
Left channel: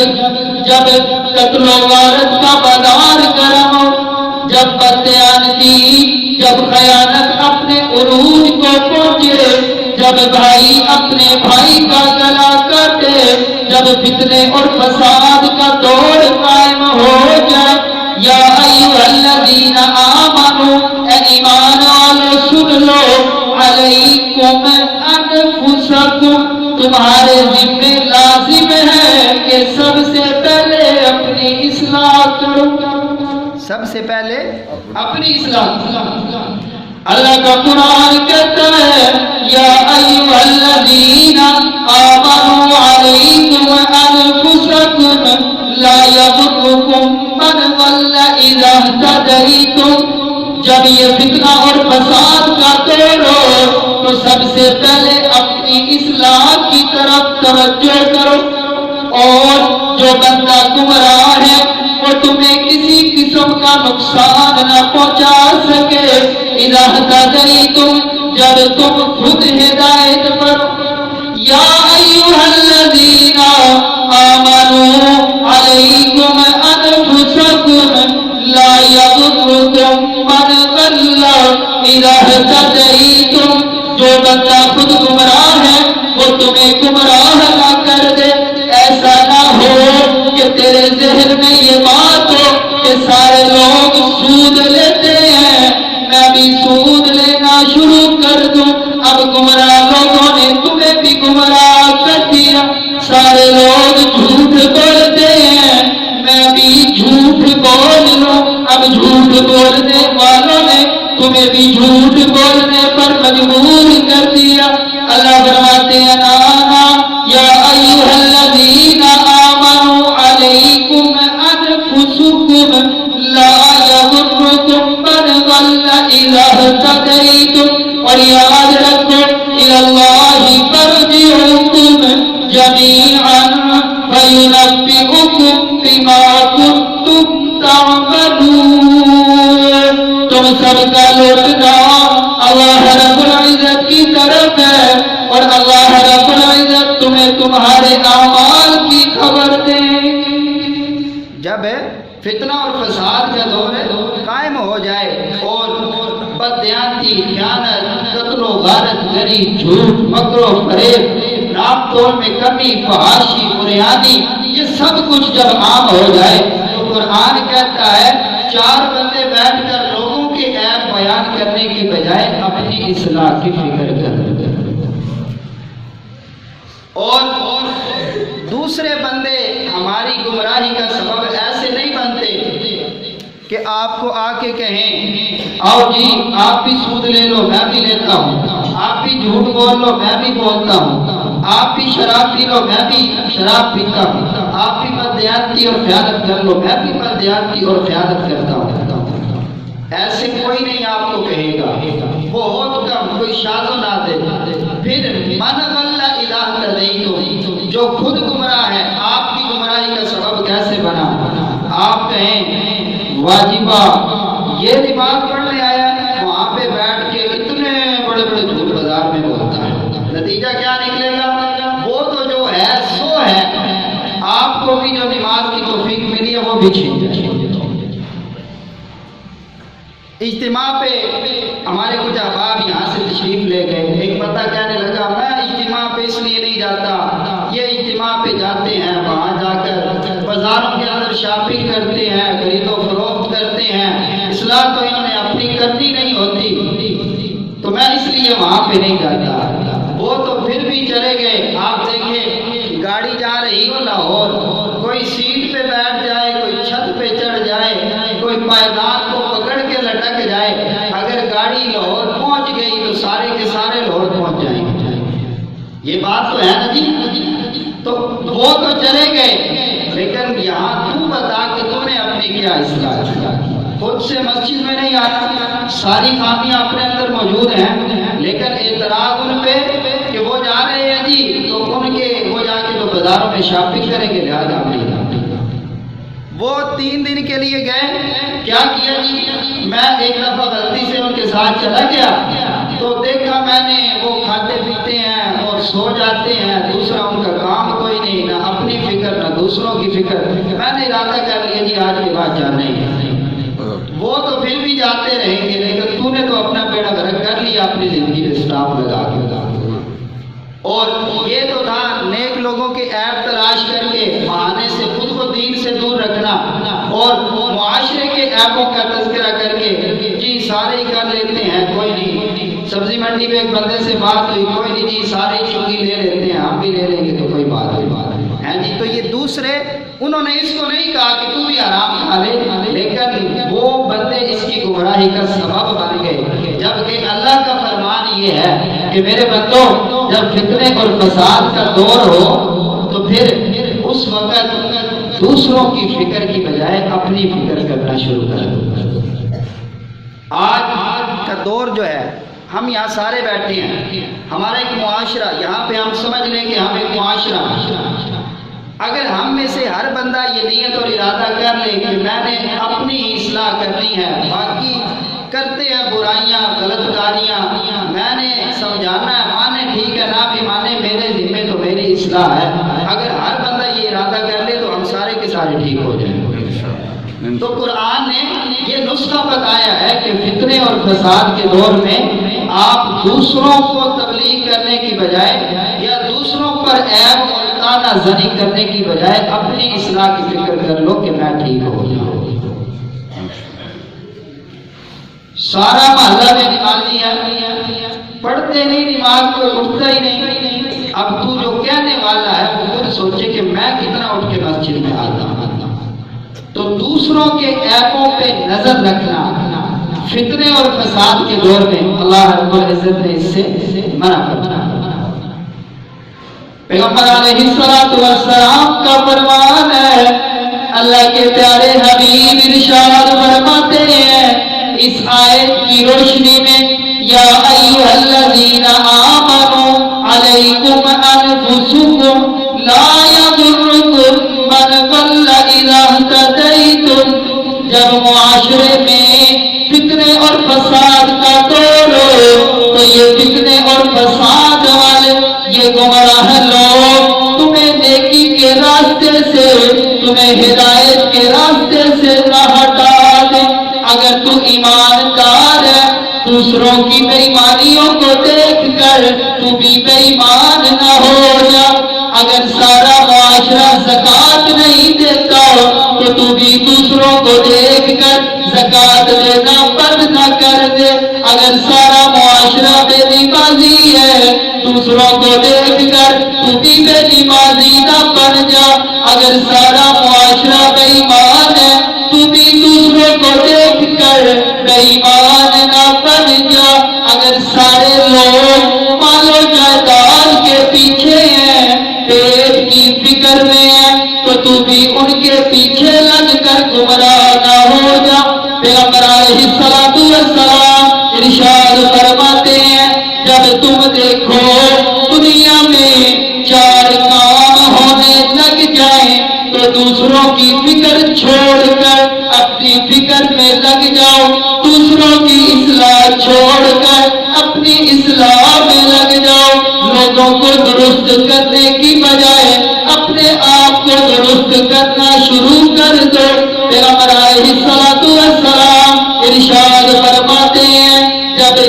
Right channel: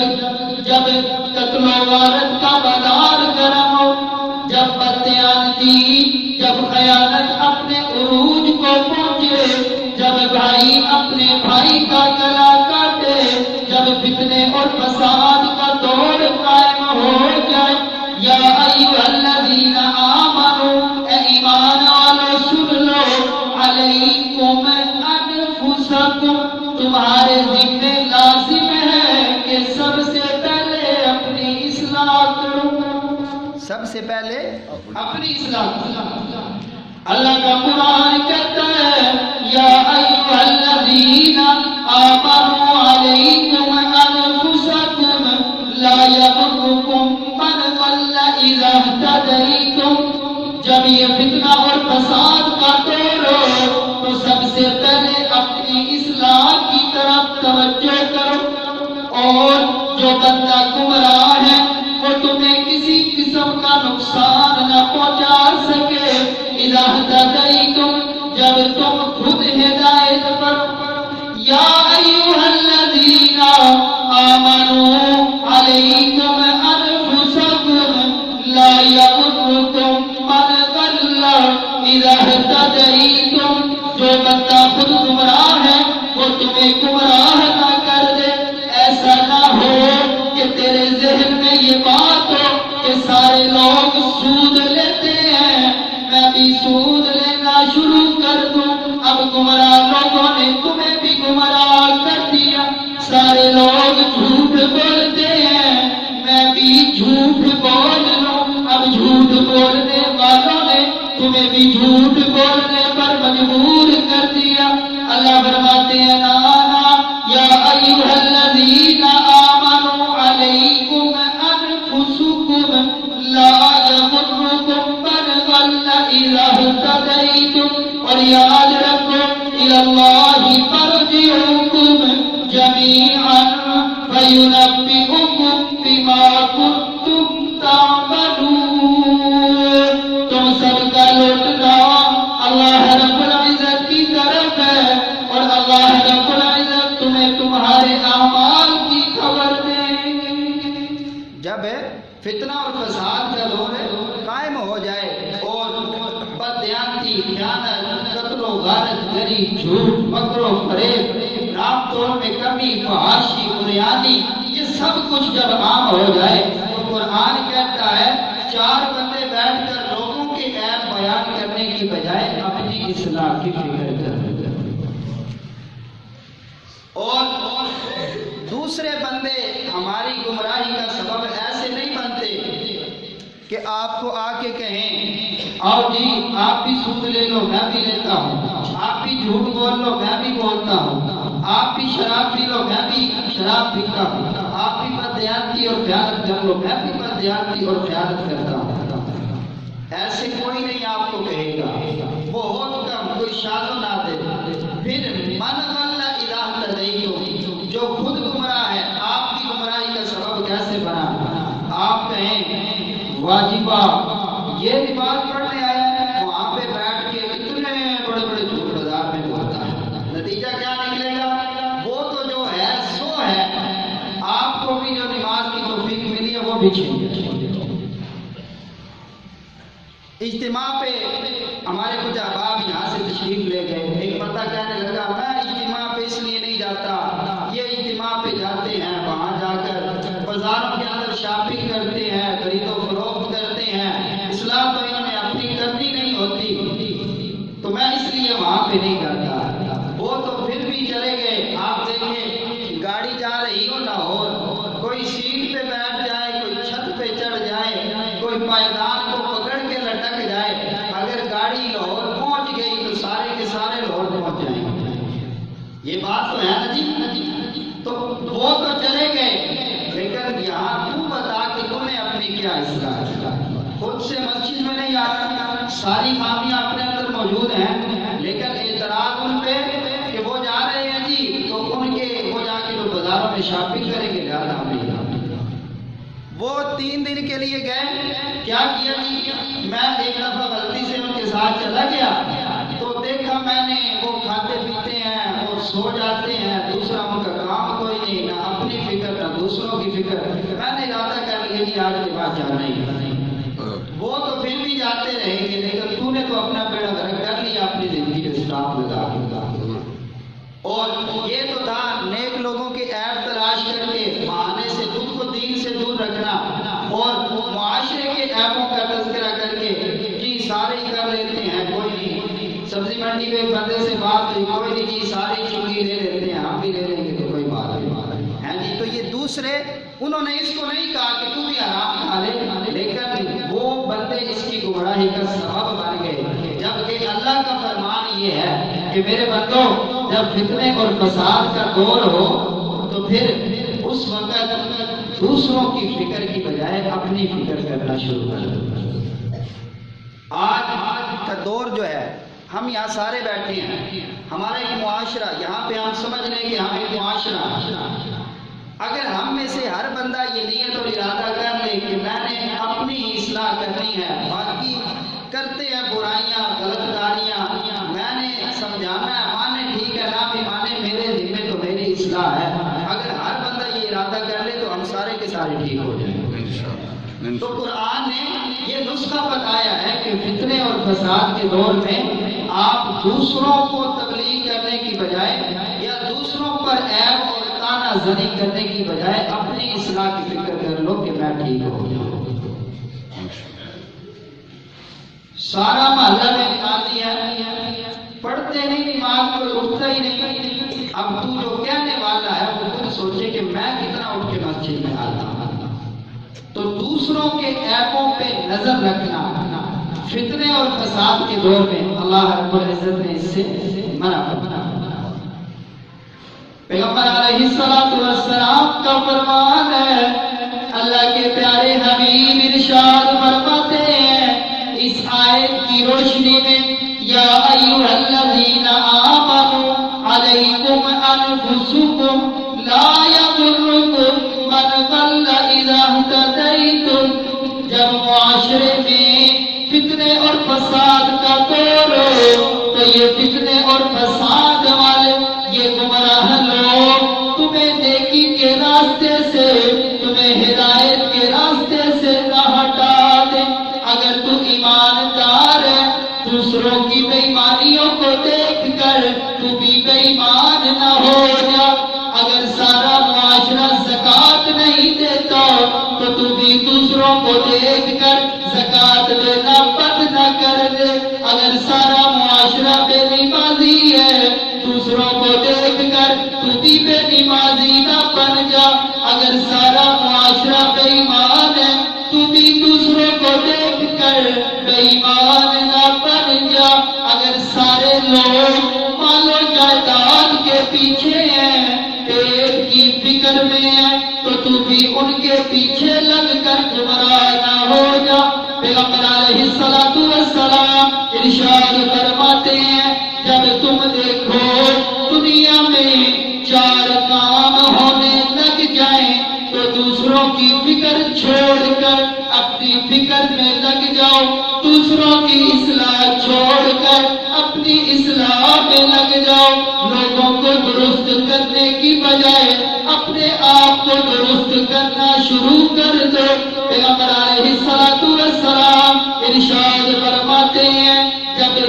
قتل و غارت کا بازار گرم ہو، جب بددیانتی، جب خیانت اپنے عروج کو پہنچے، جب بھائی اپنے بھائی کا گلا کاٹے، جب فتنے اور فساد کا دور قائم ہو جائے، یا ایھا الذین آمنوا، اے ایمان والو سن لو، علیکم انفسکم، تمہارے ذمہ لازم ہے کہ سب سے پہلے اپنی اصلاح کرو، سب سے پہلے اپنی اصلاح کرو۔ اللہ کا قرآن کہتا ہے یا ایھا الذین آمنوا علیکم انفسکم لا یضرکم من ضل اذا اہتدیتم، جب یہ فتنہ اور فساد کا دور ہو تو سب سے پہلے اپنی اصلاح کی طرف توجہ کرو، اور جو بندہ گمراہ ہے وہ تمہیں کسی قسم کا نقصان نہ پہنچا سکے، اذا اہتدیتم، جب تم خود ہدایت پر۔ یا ایھا الذین آمنوا علیکم انفسکم لا یضرکم من ضل اذا اہتدیتم، جو بندہ خود گمراہ ہے وہ تمہیں گمراہ نہ کر دے۔ ایسا نہ ہو کہ تیرے ذہن میں یہ بات ہو کہ سارے لوگ سود لیتے ہیں، میں بھی سود لینا شروع کر دوں، اب گمراہ لوگوں نے تمہیں بھی گمراہ کر دیا، سارے لوگ جھوٹ بولتے ہیں، میں بھی جھوٹ بول لوں، اب جھوٹ بولنے والوں نے تمہیں بھی جھوٹ بولنے پر مجبور کر دیا۔ اللہ فرماتے ہیں نانا یا ایھا الذین آمنوا علیکم انفسکم لا یضرکم من ضل اذا اہتدیتم، اور یاد رکھو الی اللہ مرجعکم جمیعا فینبئکم بما کنتم تعملون، تم سب کا لوٹنا اللہ رب العزت کی طرف ہے، اور اللہ رب العزت تمہیں تمہارے اعمال کی خبر دیں گے۔ جب فتنہ اور فساد کا دور قائم ہو جائے اور بددیانتی، خیانت، قتل و غارت گری، جھوٹ، مکر و فریب، نام تول میں کمی، فحاشی، بریانی، یہ سب کچھ جب عام ہو جائے تو قرآن کہتا ہے چار بندے بیٹھ کر لوگوں کے عیب بیان کرنے کی بجائے اپنی اصلاح کی فکر کریں، اور دوسرے بندے ہماری گمراہی کا سبب ایسے نہیں بنتے کہ آپ کو آ کے کہیں آؤ جی آپ بھی سود لے لو میں بھی لیتا ہوں، آپ بھی جھوٹ بول لو میں بھی بولتا ہوں، آپ بھی شراب پی لو میں بھی شراب پیتا ہوں، آپ بھی بددیانتی اور خیانت کر لو میں بھی بددیانتی اور خیانت کرتا ہوں۔ ایسے کوئی نہیں آپ کو کہے گا، بہت کم، کوئی شاذ و نادر۔ پھر من ضل اذا اہتدیتم، جو خود گمراہ ہے آپ کی گمراہی کا سبب کیسے بنا؟ آپ کہیں واجبہ یہ نماز پڑھنے آیا ہے، وہاں پہ بیٹھ کے اتنے بڑے بڑے جھوٹ بازار میں بولتا ہے، نتیجہ کیا نکلے گا؟ وہ تو جو ہے سو ہے، آپ کو بھی جو نماز کی توفیق ملی ہے وہ بھی چھین جائے۔ اجتماع پہ ہمارے کچھ احباب یہاں سے تشریف لے گئے، ایک بندہ کہنے لگا میں اجتماع پہ اس لیے نہیں جاتا، یہ اجتماع پہ جاتے ہیں وہاں جا کر بازاروں کے اندر شاپنگ کرتے ہیں، خرید و فروخت کرتے ہیں، اصلاح تو انہوں نے اپنی کرنی نہیں ہوتی، تو میں اس لیے وہاں پہ نہیں جاتا۔ وہ تو پھر بھی چلے گئے۔ آپ دیکھیں گاڑی جا رہی ہو لاہور، کوئی سیٹ پہ بیٹھ جائے، کوئی چھت پہ چڑھ جائے، کوئی پائیدان کو پکڑ کے لٹک جائے، اگر گاڑی لاہور پہنچ گئی تو سارے کے سارے لاہور پہنچ جائیں گے۔ یہ بات تو ہے نا جی؟ تو وہ تو چلے گئے، لیکن یہاں تو بتا کہ تم نے اپنی کیا اصلاح کیا؟ خود سے مسجد میں نہیں آتا، ساری خامیاں اپنے اندر موجود ہیں، لیکن اعتراض ان پہ کہ وہ جا رہے ہیں جی تو ان کے وہ جا کے تو بازاروں میں شاپنگ کریں گے، لہٰذا وہ 3 دن کے لیے گئے، کیا کیا جی؟ میں ایک دفعہ غلطی سے ان کے ساتھ چلا گیا تو دیکھا میں نے وہ کھاتے پیتے ہیں اور سو جاتے ہیں، دوسرا ان کا کام کوئی نہیں، نہ اپنی فکر نہ دوسروں کی فکر۔ میں نے ارادہ کر لیا جی آج کے بعد جانا ہی ہے۔ وہ تو پھر بھی جاتے رہیں گے، لیکن تو نے تو اپنا بیڑا غرق کر لیا اپنی زندگی میں اسٹاپ لگا کے۔ اور یہ تو تھا نیک لوگوں کے عیب تلاش کر کے بہانے سے خود کو دین سے دور رکھنا، اور معاشرے کے عیبوں کا تذکرہ کر کے جی سارے ہی کر لیتے ہیں، کوئی نہیں۔ سبزی منڈی میں ایک بندے سے بات ہوئی، کوئی نہیں جی سارے ہی چنگی لے لیتے ہیں، ہم بھی لے لیں گے تو کوئی بات ہے جی۔ تو یہ دوسرے انہوں نے اس کو نہیں کہا کہ تو بھی آرام کھا لے، لیکن وہ بندے اس کی گمراہی کا سبب بن گئے، جبکہ اللہ کا فرمان یہ ہے کہ میرے بندوں جب فتنے اور فساد کا دور ہو تو پھر اس وقت دوسروں کی فکر کی بجائے اپنی فکر کرنا شروع کرو۔ آج کا دور جو ہے، ہم یہاں سارے بیٹھے ہیں، ہمارا ایک معاشرہ، یہاں پہ ہم سمجھ لیں کہ ہم ایک معاشرہ، اگر ہم میں سے ہر بندہ یہ نیت اور ارادہ کر لے کہ میں نے اپنی اصلاح کرنی ہے، باقی کرتے ہیں برائیاں غلط کاریاں، میں نے سمجھانا ہے، مانے ٹھیک ہے نہ بھی مانے میرے ذمے تو میری اصلاح ہے، اگر ہر بندہ یہ ارادہ کر لے تو ہم سارے کے سارے ٹھیک ہو جائیں گے۔ تو قرآن نے یہ نسخہ بتایا ہے کہ فتنے اور فساد کے دور میں آپ دوسروں کو تبلیغ کرنے کی بجائے یا دوسروں پر عیب اور تانا زنی کرنے کی بجائے اپنی اصلاح کی فکر کر لو کہ میں ٹھیک ہو جاؤں۔ سارا محلہ میں نمازی ہے، پڑھتے نہیں، نماز کوئی اٹھتا ہی نہیں، اب تو جو کہنے والا ہے وہ خود سوچے کہ میں کتنا اٹھ کے مسجد میں آتا ہوں۔ تو دوسروں کے عیبوں پہ نظر رکھنا فتنے اور فساد کے دور میں اللہ رب العزت نے اس سے منع کرنا۔ پیغمبر علیہ السلام کا فرمان ہے، اللہ کے پیارے حبیب ارشاد فرماتے ہیں اس آیت کی روشنی میں، یا ایھا الذین آمنوا علیکم انفسکم لا یضرکم من ضل اذا اہتدیتم۔ جب معاشرے میں فتنے اور فساد کا دور ہو تو یہ فتنے اور فساد والے، یہ گمراہ لوگ تمہیں نیکی کے راستے سے، تمہیں ہدایت کے راستے سے نہ ہٹا دیں۔ اگر تو ایماندار ہے، دوسروں کی بے ایمانیوں کو دیکھ کر تو بھی بے ایمان نہ ہو جا۔ اگر سارا معاشرہ زکوٰۃ نہیں دیتا تو تو بھی دوسروں کو دیکھ کر زکوٰۃ دینا بند نہ کر دے۔ اگر سارا معاشرہ بے نمازی ہے، دوسروں کو دیکھ کر تو بھی بے نمازی نہ بن جا۔ اگر سارا معاشرہ بے ایمان ہے، تو بھی دوسروں کو دیکھ کر بے ایمان نہ بن جا۔ اگر سارے لوگ مال و جائیداد کے پیچھے ہیں، پیٹ کی فکر میں ہے، تو تو بھی ان کے پیچھے لگ کر گمراہ نہ ہو جا۔ پیغمبر علیہ السلام ارشاد فرماتے ہیں، جب تم دیکھو دنیا میں 4 کام ہونے لگ جائیں تو دوسروں کی فکر چھوڑ کر اپنی فکر میں لگ جاؤ، دوسروں کی اصلاح چھوڑ کر اپنی اصلاح میں لگ جاؤ۔ لوگوں کو درست کرنے کی بجائے اپنے آپ کو درست کرنا شروع کر دو۔ پیغمبر علیہ السلام ارشاد فرماتے ہیں، جب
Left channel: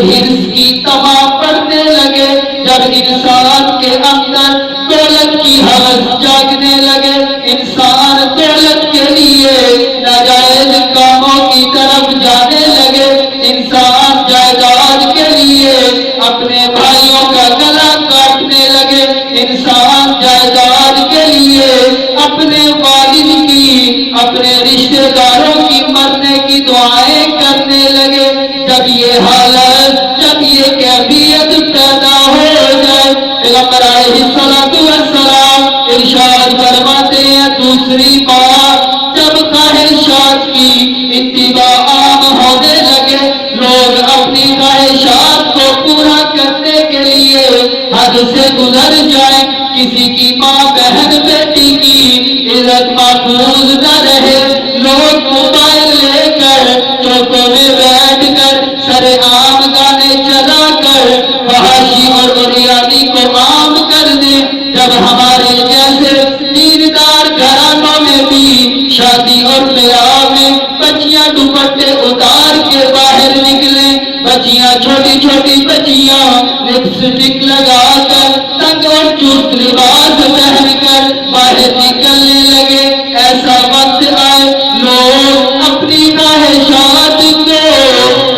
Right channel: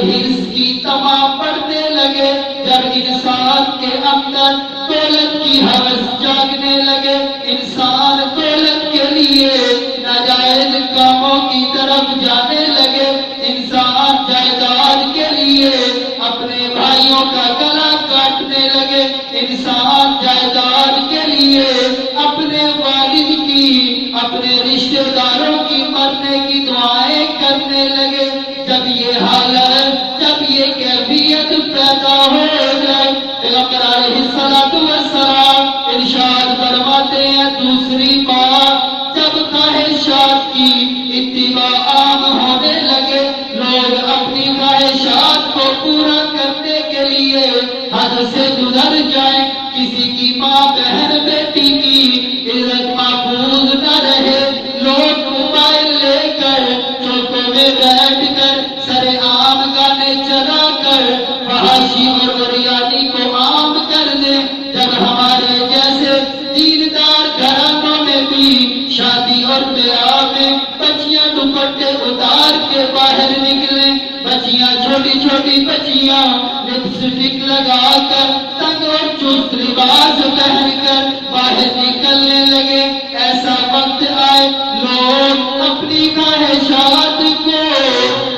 دریا میں بچیاں دوپٹے اتار کے باہر نکلے، بچیاں چھوٹی چھوٹی بچیاں لپسٹک لگا کر تنگ اور چست لباس پہن کر باہر نکلنے لگے۔ ایسا وقت آئے لوگ اپنی خواہشات کو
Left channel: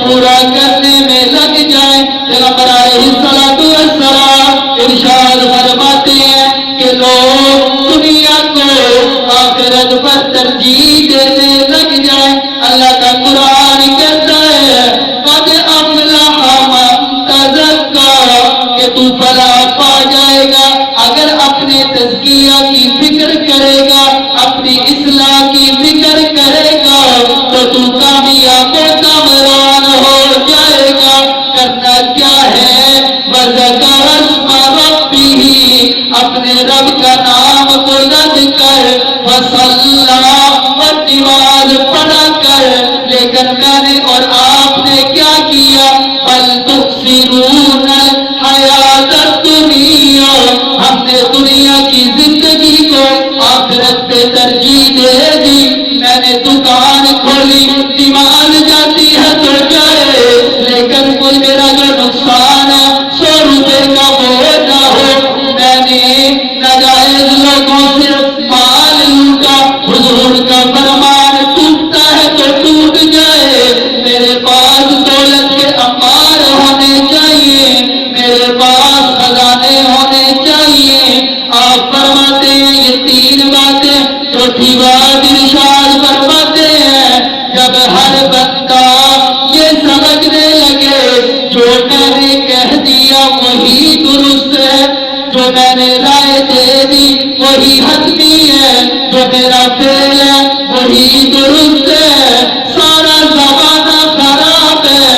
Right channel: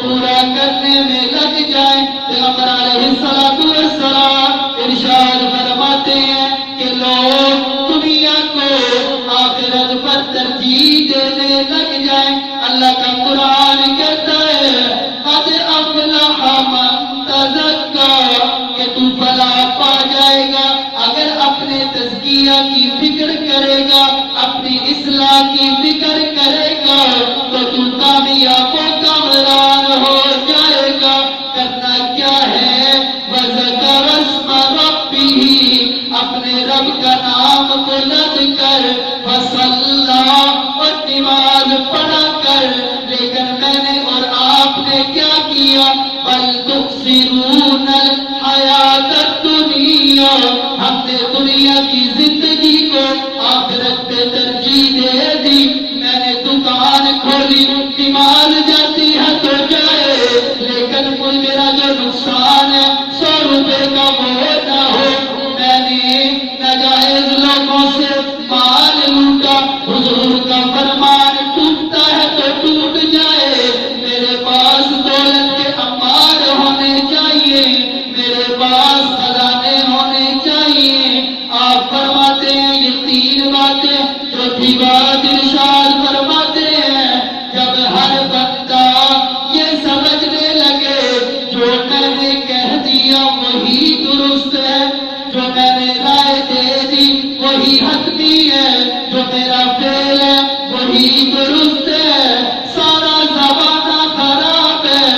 پورا کرنے میں لگ جائیں۔ پیغمبر علیہ السلام ارشاد فرماتے ہیں کہ لوگ دنیا کو آخرت پر ترجیح دینے لگ جائیں۔ اللہ کا قرآن کہتا ہے قد افلح من تزکا، کہ تو فلاح پا جائے گا اگر اپنے تزکیہ کی فکر کرے گا، اپنی اصلاح کی فکر کرے گا تو تو کامیاب و کامران ہو جائے گا۔ کرنا کیا ہے؟ وَذَكَرَ اسْمَ رَبِّهِ، اپنے رب کا نام بلند کر، وَصَلَّى، اور نماز پڑھا کر۔ لیکن میں نے اور آپ نے کیا کیا؟ بَلْ تُؤْثِرُونَ الْحَيَاةَ الدُّنْيَا، ہم نے دنیا کی زندگی کو آخرت پہ ترجیح دے دی۔ میں نے دکان کھولی، نماز جاتی ہے تو جائے، لیکن کوئی میرا جو نقصان ہے 100 روپے کا وہ نہ ہو۔ میں نے ناجائز لوگوں سے مال لوٹا، حضور کا فرمان ٹوٹتا ہے تو ٹوٹ جائے۔ میرے پاس دولت کے انبار ہونے چاہیے، میرے پاس خزانے ہونے چاہیے۔ آپ فرماتے ہیں یہ 3 باتیں، چوتھی بات ارشاد فرماتے ہیں جب ہر بندہ یہ سمجھنے لگے جو میں نے کہہ دیا وہی درست ہے، جو میں نے رائے دے دی وہی حتمی ہے، جو میرا فعل ہے وہی درست ہے، سارا زمانہ خراب ہے،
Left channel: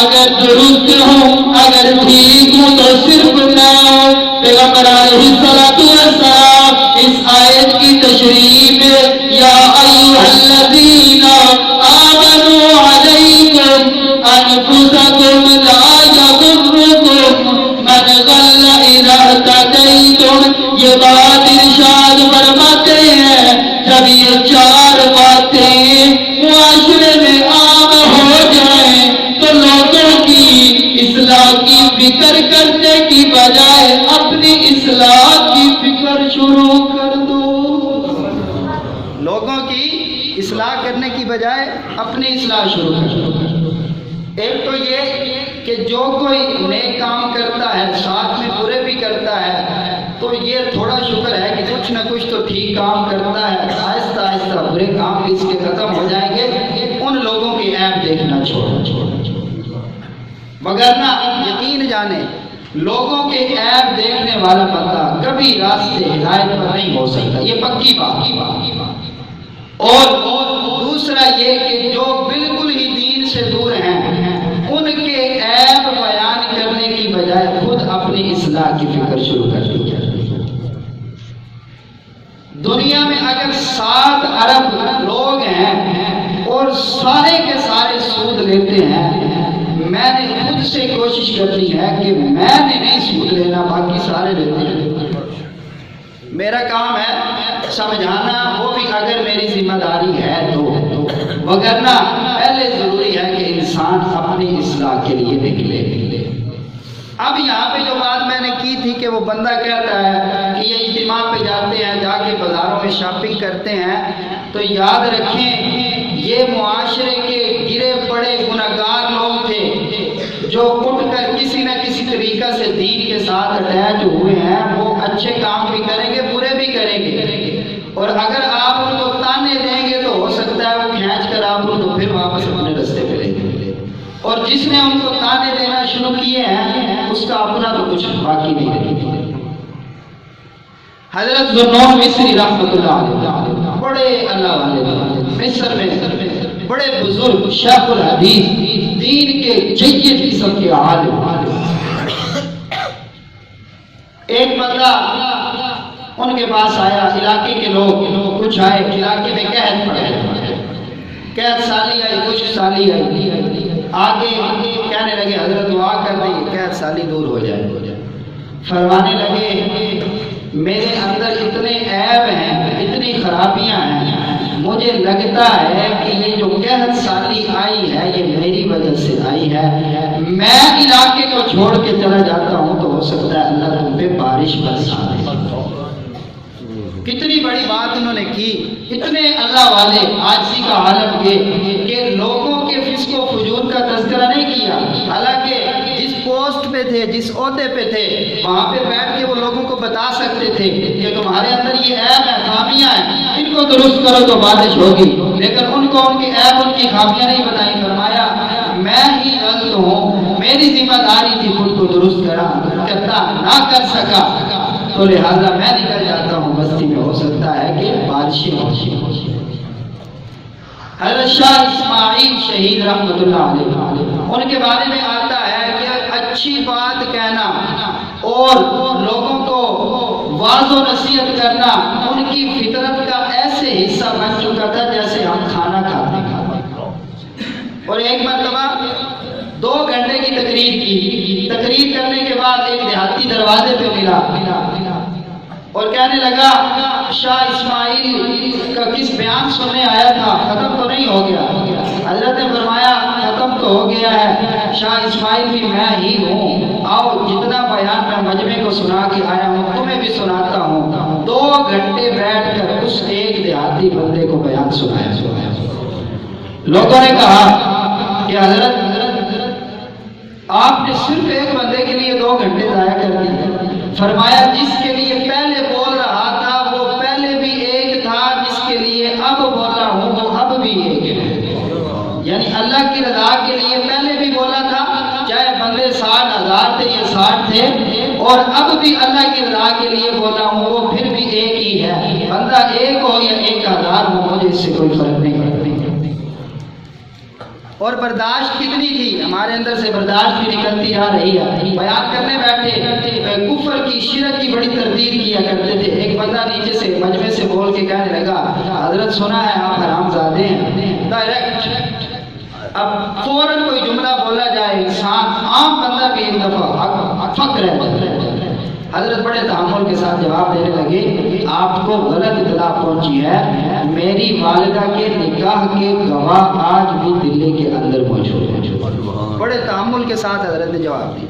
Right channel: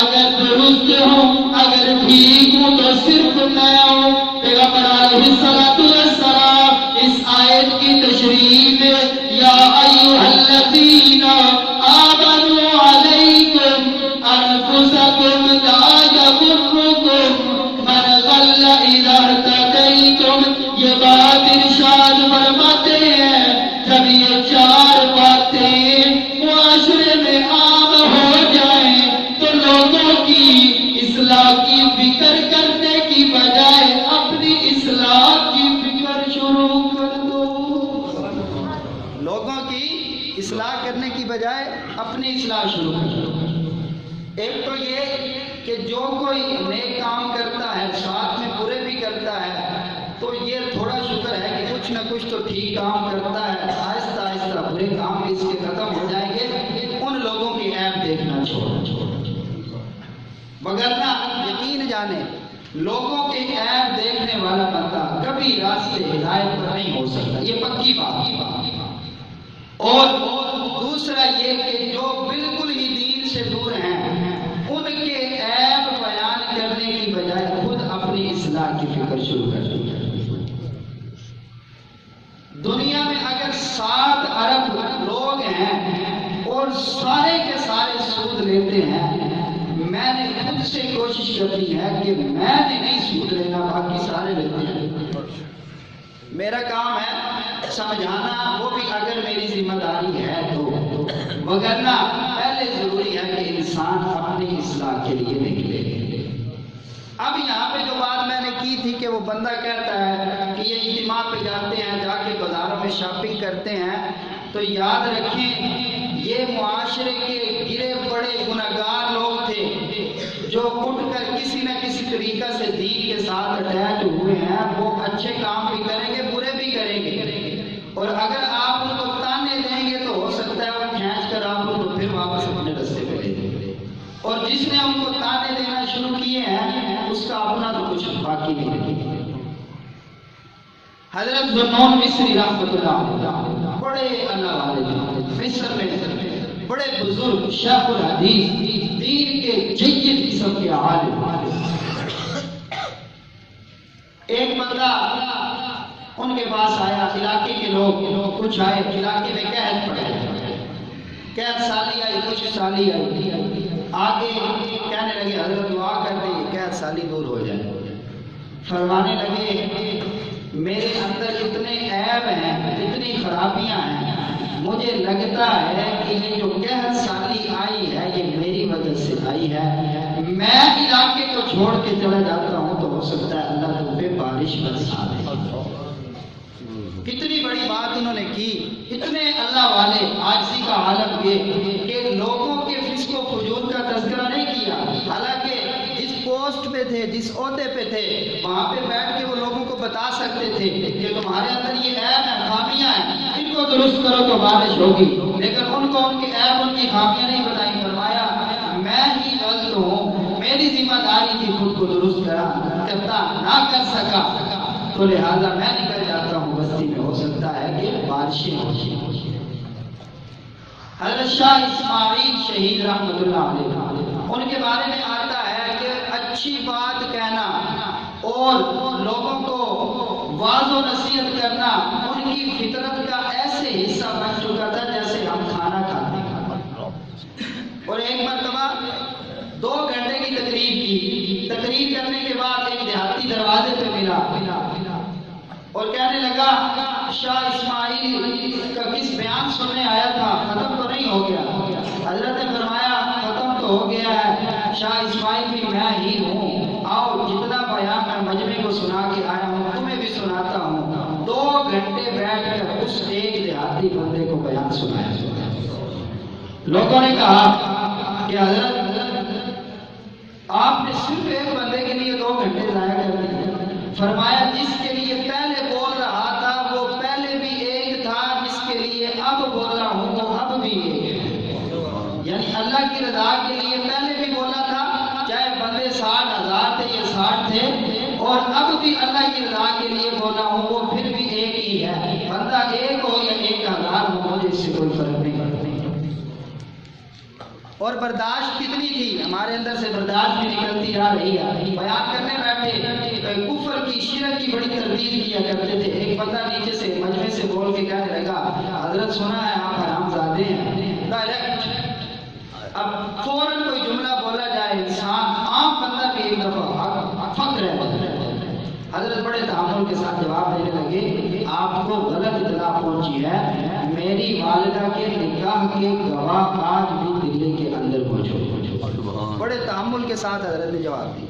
اگر درست ہوں اگر ٹھیک ہوں تو صرف میں ہوں۔ پیغمبر علیہ السلام اس آیت کی تشریح میں یا ایھا الذین آمنوا علیکم انفسکم لا یضرکم من ضل اذا اہتدیتم، یہ بات ارشاد فرماتے ہیں جب یہ 4 باتیں معاشرے میں عام ہو جائیں تو لوگوں کی اصلاح کی فکر کرنے کی بجائے اپنی اصلاح کی فکر شروع کر دو۔ لوگوں کی اصلاح کرنے کی بجائے اپنی اصلاح شروع کر دو۔ ایک تو یہ کہ جو کوئی نیک کام کرتا ہے ساتھ میں برے بھی کرتا ہے تو یہ تھوڑا شکر ہے کہ کچھ نہ کچھ تو ٹھیک کام کرتا ہے، آہستہ آہستہ برے کام بھی اس کے ختم ہو جائیں گے۔ ان لوگوں کی عیب دیکھنا چھوڑو، وگرنہ یقین جانے لوگوں کے عیب دیکھنے والا بندہ کبھی راستے ہدایت پر نہیں ہو سکتا، یہ پکی بات۔ اور دوسرا یہ کہ جو بالکل ہی دین سے دور ہیں ان کے عیب بیان کرنے کی بجائے خود اپنی اصلاح کی فکر شروع کر دی۔ دنیا میں اگر 7 ارب لوگ ہیں اور سارے کے سارے سود لیتے ہیں، میں نے خود سے کوشش کرنی ہے کہ میں نے نہیں سود لینا، باقی سارے لیتے ہیں۔ میرا کام ہے سمجھانا، وہ بھی اگر میری ذمہ داری ہے تو، وگرنہ پہلے ضروری ہے کہ انسان اپنی اصلاح کے لیے نکلے۔ اب یہاں پہ جو بات میں نے کی تھی کہ وہ بندہ کہتا ہے کہ یہ اجتماع پہ جاتے ہیں، جا کے بازاروں میں شاپنگ کرتے ہیں، تو یاد رکھیں یہ معاشرے کے گرے پڑے گناہگار لوگ تھے جو اٹھ کر کسی نہ کسی طریقہ سے دین کے ساتھ اٹیچ ہوئے ہیں۔ وہ اچھے کام بھی کریں گے برے بھی کریں گے، اور اگر آپ ان کو تانے دیں گے تو ہو سکتا ہے وہ کھینچ کر آپ کو پھر واپس اپنے رستے پہ لے جائیں گے، اور جس نے ان کو تانے دینا شروع کیے ہیں اس کا اپنا تو کچھ باقی نہیں رہے۔ حضرت ذوالنون مصری رحمۃ اللہ علیہ بڑے اللہ والے مصر میں بڑے بزرگ شیخ الحدیث دین کے جید قسم کے عالم۔ ایک بندہ ان کے پاس آیا، علاقے کے لوگ کچھ آئے، علاقے میں قحط پڑ گیا، قحط سالی آئی، خشک سالی آئی، آگے کہنے لگے حضرت دعا کر دیں قحط سالی دور ہو جائے۔ فرمانے لگے میرے اندر اتنے عیب ہیں، اتنی اتنی خرابیاں ہیں، مجھے لگتا ہے کہ یہ جو قحط سالی آئی ہے یہ میری وجہ سے آئی ہے، میں علاقے کو چھوڑ کے چلا جاتا ہوں تو ہو سکتا ہے اللہ تم پہ بارش برسا دے۔ کتنی بڑی بات انہوں نے کی، اتنے اللہ والے عاجزی کا عالم یہ کہ لوگوں کے فسق و فجور کا تذکرہ نہیں کیا، حالانکہ جس پوسٹ پہ تھے، جس عہدے پہ تھے، وہاں پہ بیٹھ کے وہ لوگوں کو بتا سکتے تھے کہ تمہارے اندر یہ عیب ہے، خامیاں ہیں، ان کو درست کرو تو بارش ہوگی، لیکن ان کو ان کے عیب، ان کی خامیاں نہیں بتائیں۔ فرمایا میں ہی غلط ہوں، میری ذمہ داری تھی خود کو درست کرتا نہ کر سکا، تو لہذا میں نکل جاتا ہوں بستی میں، ہو سکتا ہے کہ بارشیں ہو۔ حضرت شاہ اسماعیل شہید رحمۃ اللہ علیہ، ان کے بارے میں آتا ہے کہ اچھی بات کہنا اور لوگوں کو واعظ و نصیحت کرنا ان کی فطرت کا ایسے حصہ بن چکا تھا جیسے ہم کھانا کھاتے ہیں۔ اور ایک مرتبہ 2 گھنٹے کی تقریر کرنے کے بعد ایک دیہاتی دروازے پہ ملا اور کہنے لگا شاہ اسماعیل کا کس بیان سننے آیا تھا، ختم تو نہیں ہو گیا؟ حضرت نے فرمایا ختم تو ہو گیا ہے، شاہ اسماعیل بھی میں ہی ہوں، آؤ جتنا بیان میں مجمع کو سنا کے آیا ہوں تمہیں بھی سناتا ہوں۔ 2 گھنٹے بیٹھ کر اس ایک دیہاتی بندے کو بیان سنایا۔ لوگوں نے کہا کہ حضرت آپ نے صرف ایک بندے کے لیے 2 گھنٹے ضائع کر دیے۔ فرمایا جس کے لیے پہلے بول رہا تھا وہ پہلے بھی ایک تھا، جس کے لیے اب بول رہا ہوں وہ اب بھی ایک ہے۔ یعنی اللہ کی رضا کے لیے پہلے بھی بولا تھا، چاہے بندے 60,000 تھے یا 60 تھے، اور اب بھی اللہ کی رضا کے لیے بولا ہوں وہ پھر بھی ایک ہی ہے، بندہ ایک ہو یا 1,000 ہو، مجھے اس سے کوئی فرق نہیں پڑتی۔ اور برداشت کتنی تھی، ہمارے اندر سے برداشت بھی نکلتی آ رہی ہے۔ بیان کرنے بیٹھے کفر کی، شرک کی بڑی تردید کیا کرتے تھے۔ ایک بندہ نیچے سے مجمع سے بول کے کہنے لگا حضرت سنا ہے آپ حرام زادے ہیں، ڈائریکٹ۔ اب فوراً کوئی جملہ بولا جائے، انسان عام بندہ بھی ایک دفعہ فکر ہے۔ حضرت بڑے تحمل کے ساتھ جواب دینے لگے آپ کو غلط اطلاع پہنچی ہے، میری والدہ کے نکاح کے گواہ آج بھی دلی کے اندر موجود ہیں۔ بڑے تحمل کے ساتھ حضرت نے جواب دیا،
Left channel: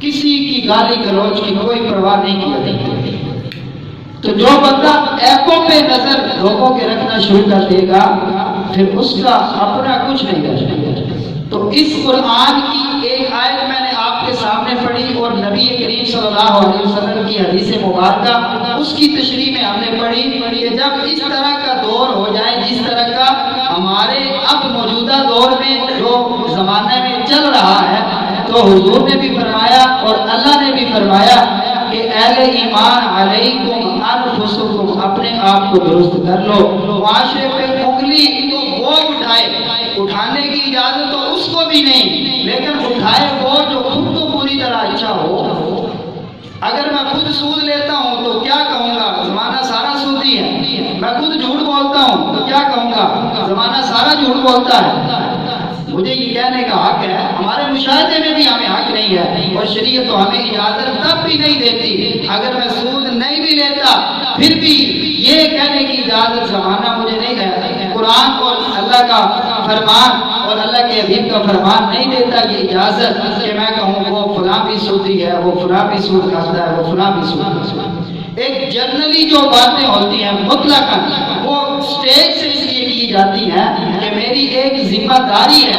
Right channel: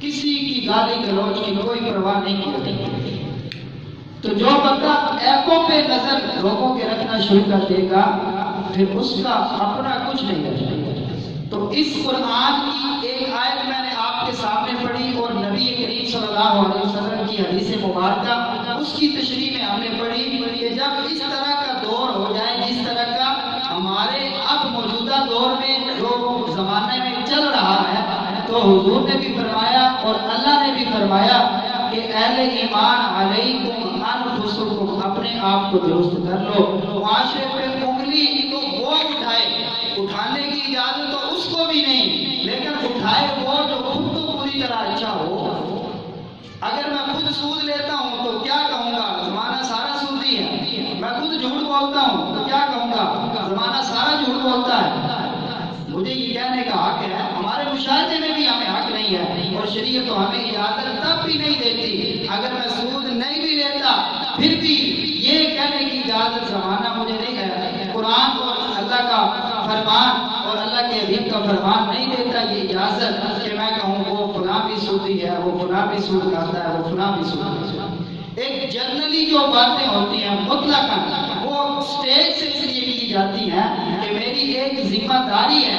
کسی کی گالی گلوچ کی کوئی پرواہ نہیں کی جاتی۔ تو جو بندہ ایپوں پہ نظر لوگوں کے رکھنا شروع کر دے گا پھر اس کا اپنا کچھ نہیں رہ جائے گا۔ تو اس قرآن کی ایک آیت میں نے آپ کے سامنے پڑھی اور نبی کریم صلی اللہ علیہ وسلم کی حدیث مبارکہ اس کی تشریح میں ہم نے پڑھی کہ جب اس طرح کا دور ہو جائے جس طرح کا ہمارے اب موجودہ دور میں جو زمانے میں چل رہا ہے، تو حضور نے بھی فرمایا اور اللہ نے بھی فرمایا کہ اہل ایمان علیکم انفسکم، اپنے آپ کو درست کر لو۔ معاشرے پہ انگلی تو وہ اٹھانے کی اجازت تو اس کو بھی نہیں، لیکن اٹھائے وہ جو خود تو پوری طرح اچھا ہو۔ اگر میں خود سود لیتا ہوں تو کیا کہوں گا، زمانہ سارا سودی ہے۔ میں خود جھوٹ بولتا ہوں تو کیا کہوں گا، زمانہ سارا جھوٹ بولتا ہے۔ مجھے یہ کہنے کا حق ہے، ہمارے مشاہدے میں بھی ہمیں حق نہیں ہے، اور شریعت تو ہمیں اجازت تب بھی نہیں دیتی اگر میں سود نہیں بھی لیتا پھر بھی یہ کہنے کی اجازت زمانہ مجھے نہیں ہے۔ قرآن اور اللہ کا فرمان اور اللہ کے حبیب کا فرمان نہیں دیتا کہ اجازت کہ میں کہوں وہ فلاں بھی سودی ہے، وہ فلاں بھی سود کھاتا ہے، وہ فلاں بھی سود کھاتا ہے۔ ایک جنرلی جو باتیں ہوتی ہیں مطلقاً وہ اسٹیج سے اس لیے کی جاتی ہیں کہ میری ایک ذمہ داری ہے،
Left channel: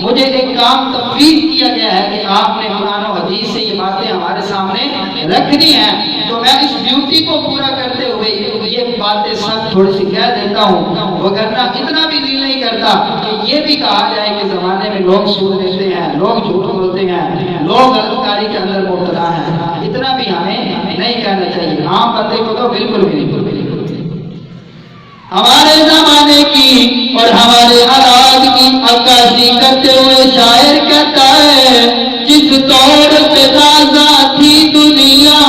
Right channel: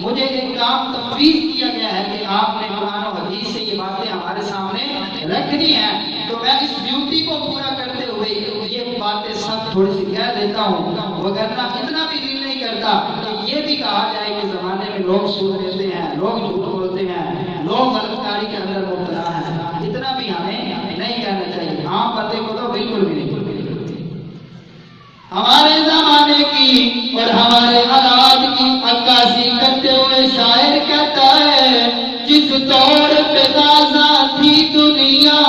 مجھے ایک کام تفویض کیا گیا ہے کہ آپ نے قرآن و حدیث سے یہ باتیں ہمارے سامنے رکھنی ہیں، تو میں اس ڈیوٹی کو پورا کرتے ہوئے یہ باتیں سب تھوڑی سی کہہ دیتا ہوں، وگرنہ اتنا بھی دل نہیں کرتا کہ یہ بھی کہا جائے کہ زمانے میں لوگ سود لیتے ہیں، لوگ جھوٹ بولتے ہیں، لوگ غلط کاری کے اندر مبتلا ہیں، اتنا بھی ہمیں نہیں کہنا چاہیے۔ عام بندے کو تو بالکل بھی نہیں۔ ہمارے زمانے کی اور ہمارے حالات کی عکاسی کرتے ہوئے شاعر کہتا ہے جس دور پہ تازہ تھی دنیا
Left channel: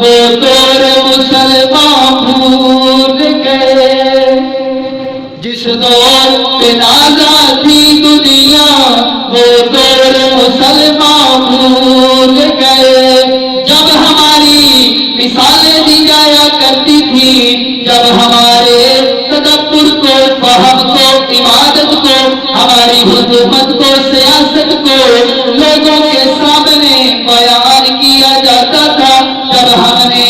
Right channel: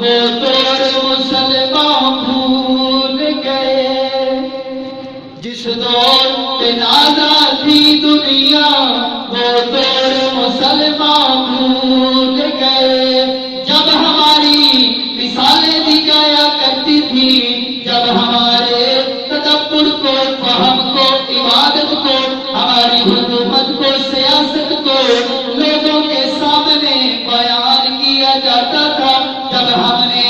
وہ دور مسلمان بھول گئے، جس دور پہ تازہ تھی دنیا وہ دور مسلمان بھول گئے، جب ہماری مثالیں دی جایا کرتی تھی، جب ہمارے ہماری حکومت کو سیاست کو لوگوں کے سامنے بیان کیا جاتا تھا جب ہم نے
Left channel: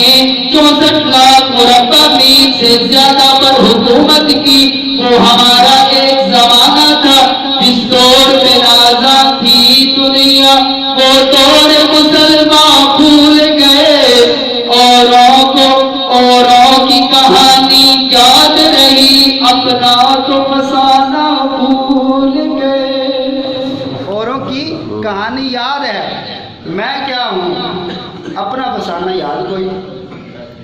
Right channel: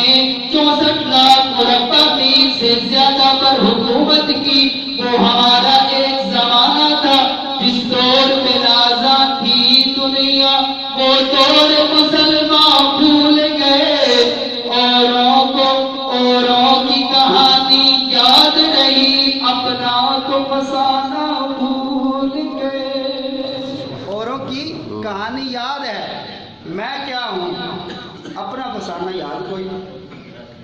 64 لاکھ مربع میل سے زیادہ پر حکومت کی وہ ہمارا ایک زمانہ تھا جس دور میں آزاد تھی دنیا وہ دور مسلمان بھول گئے اوروں کی کہانی یاد رہی اپنا تو فسانہ بھول گئے اوروں کی کہانی یاد ہے میں کیا ہوں اپنا فسانہ یاد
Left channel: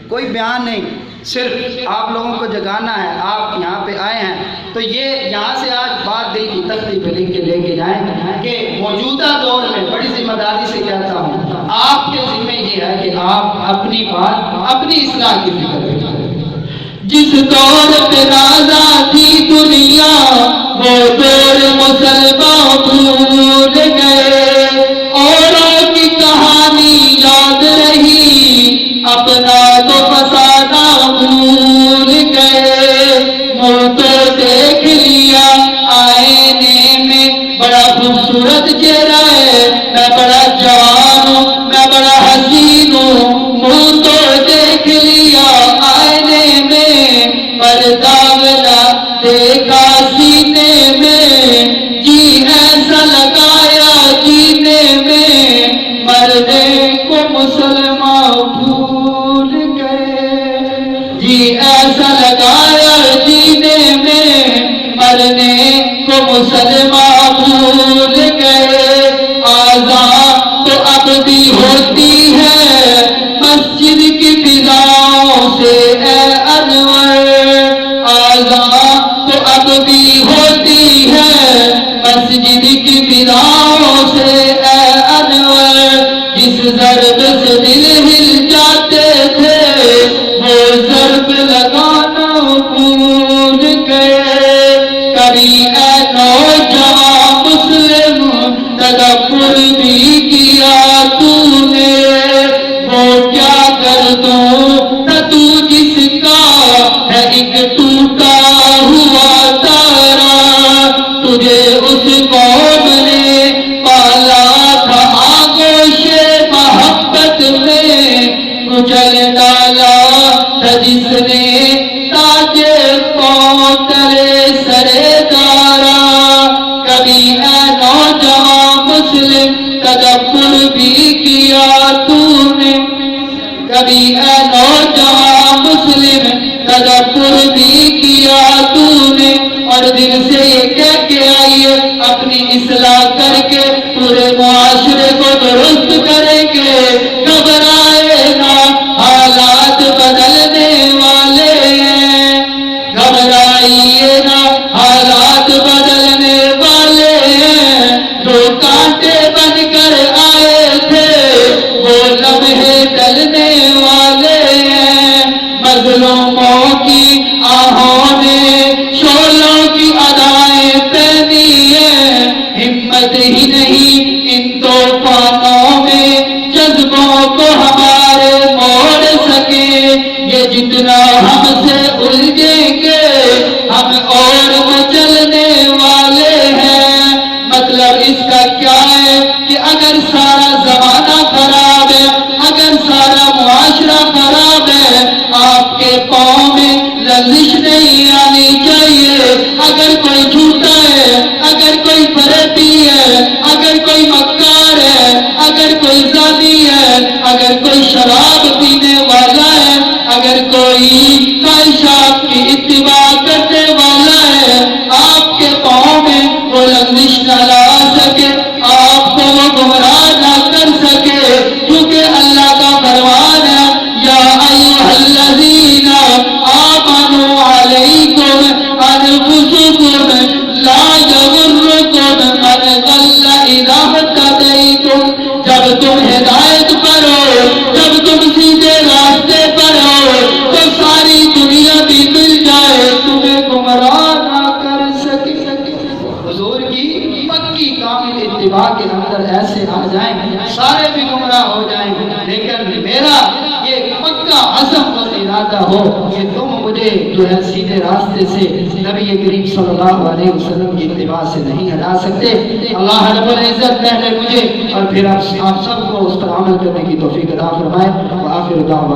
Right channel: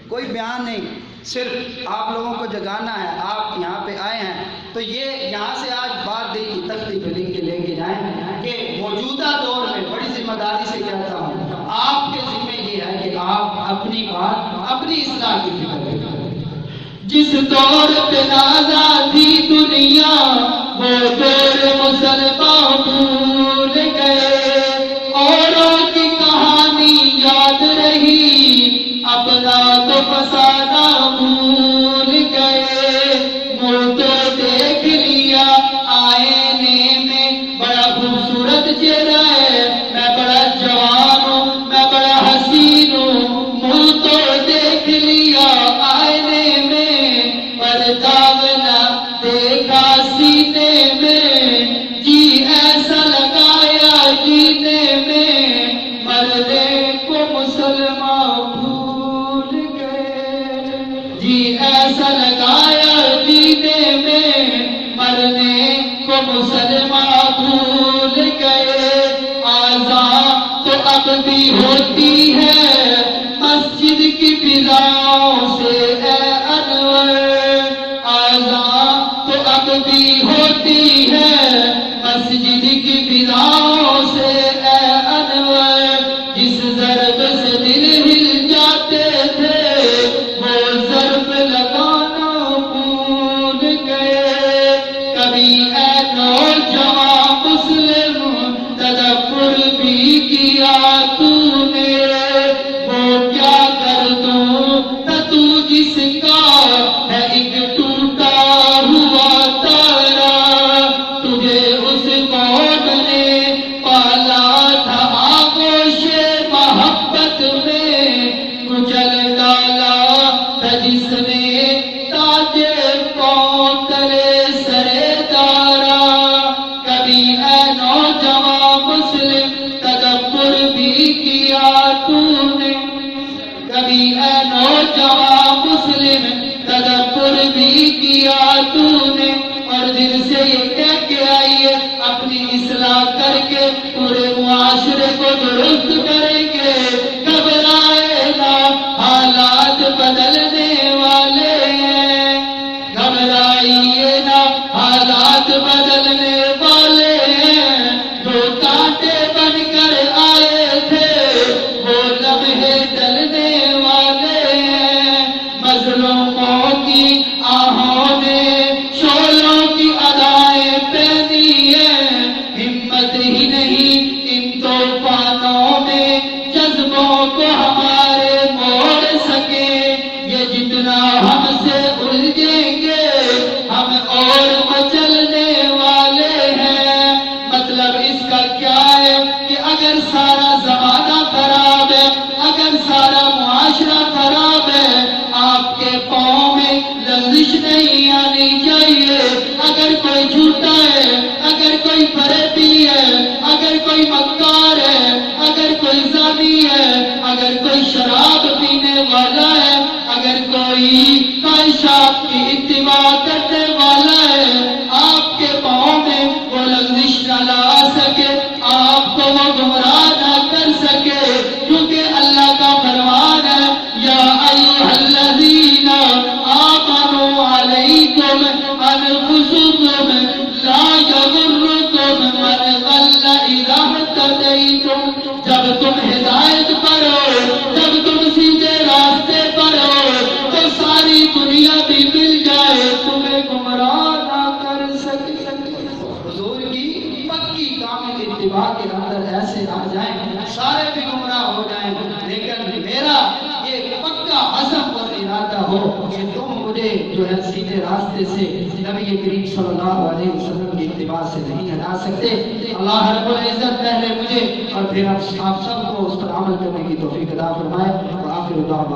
کوئی بیان نہیں صرف آپ لوگوں کو جگانا ہے آپ یہاں پہ آئے ہیں تو یہ یہاں سے آج بات دل کی تختی پہ لکھ کے لے کے جائیں کہ موجودہ دور میں بڑی ذمہ داری سے کہتا ہوں آپ کے ذمہ یہ ہے کہ آپ اپنی بات اپنی اصلاح کی فکر کریں جس دور پہ آزاد تھی دنیا وہ دور مسلمان بھول گئے اوروں کی کہانی یاد رہی اپنا تو فسانہ بھول گئے منہ تو دیکھ لیا آئینے میں بڑا خوبصورت چہرہ ہے میں بڑا جوان ہوں میں بڑا حسین ہوں منہ تو دیکھ لیا آئینے میں پر داغ نہ دیکھا سینے میں جی ایسا لگایا جینے میں مرنے کو مسلمان بھول گئے جی ایسا لگایا جینے میں مرنے کو مسلمان بھول گئے آزاد تو اب بھی ہوتی ہے مسجد کی فضاؤں سے اے انور آزاد تو اب بھی ہوتی ہے مسجد کی فضاؤں سے اے انور جس ضرب سے دل ہل جاتے تھے وہ ضرب لگانا بھول گئے کبھی اے نوجوان مسلم تدبر بھی کیا تو نے وہ کیا کر دوں نہ تو جس کا ہے ایک ٹوٹا ہوا تارا تجھے اس قوم نے پالا تھا آغوش محبت میں کچل ڈالا تھا جس نے تاج پاؤں تلے سرے دارا کبھی اے نوجوان مسلم تدبر بھی کیا تو نے کبھی اے نوجوان مسلم تدبر بھی کیا تو نے اور دل سے یہ کہہ کے آئیے اپنی اصلاح کر کے پورے معاشرے کو درست کریں گے گھبرائے نہ حالات بدلنے والے ہیں گھبرائیے نہ حالات بدلنے والے ہیں جو کانٹے بن کر آئے تھے وہ لمحے ڈلنے والے ہیں مظلوموں کی آہوں نے شعلوں کی ادائیں پہنی ہیں ہمت ہی نہیں ان طوفانوں میں جذبوں کو ہمارے موڑ سکے یہ جتنا ہم سے الجھیں گے ہم اور مچلنے والے ہیں مطلب اس کا کیا ہے کہ اگر سارا زمانہ خراب ہے اگر سارا معاشرہ خراب ہے آپ کے پاؤں میں لرزش نہیں آنی چاہیے اگر کوئی جھوٹا ہے اگر کوئی فریبی ہے اگر کوئی مکار ہے اگر کوئی زانی ہے اگر کوئی شراب پینے والا ہے اگر کوئی خواہشات کی اتباع کرنے والا ہے آپ کے پاؤں میں وہ لرزش نہ لا سکے آپ کو وہ گمراہ نہ کر سکے کیونکہ اللہ کا فرمان ہے یا ایھا الذین آمنوا علیکم انفسکم لا یغرکم من ضل اذا اهتدیتم جب تم ہدایت پر ہو جب تم سیدھے راستے پر ہو تو ساری دنیا بھی مل جائے تمہیں گمراہ نہ کر سکے حضور کی پکی کامل اتباع کے اندر ایسے آ جائیں سارے بھی گمراہ ہو جائیں لیکن میرا یہ پکا عزم اور ارادہ ہو کہ تم مجھے جو ہے سیدھے راستے سے نبی کریم صلی اللہ علیہ وسلم کی اتباع سے نہیں ہٹا سکتے۔ اللہ رب العزت پہلے مجھے اور پھر آپ سب کو اس پر عمل کرنے کی توفیق عطا فرمائے۔ وآخر دعوانا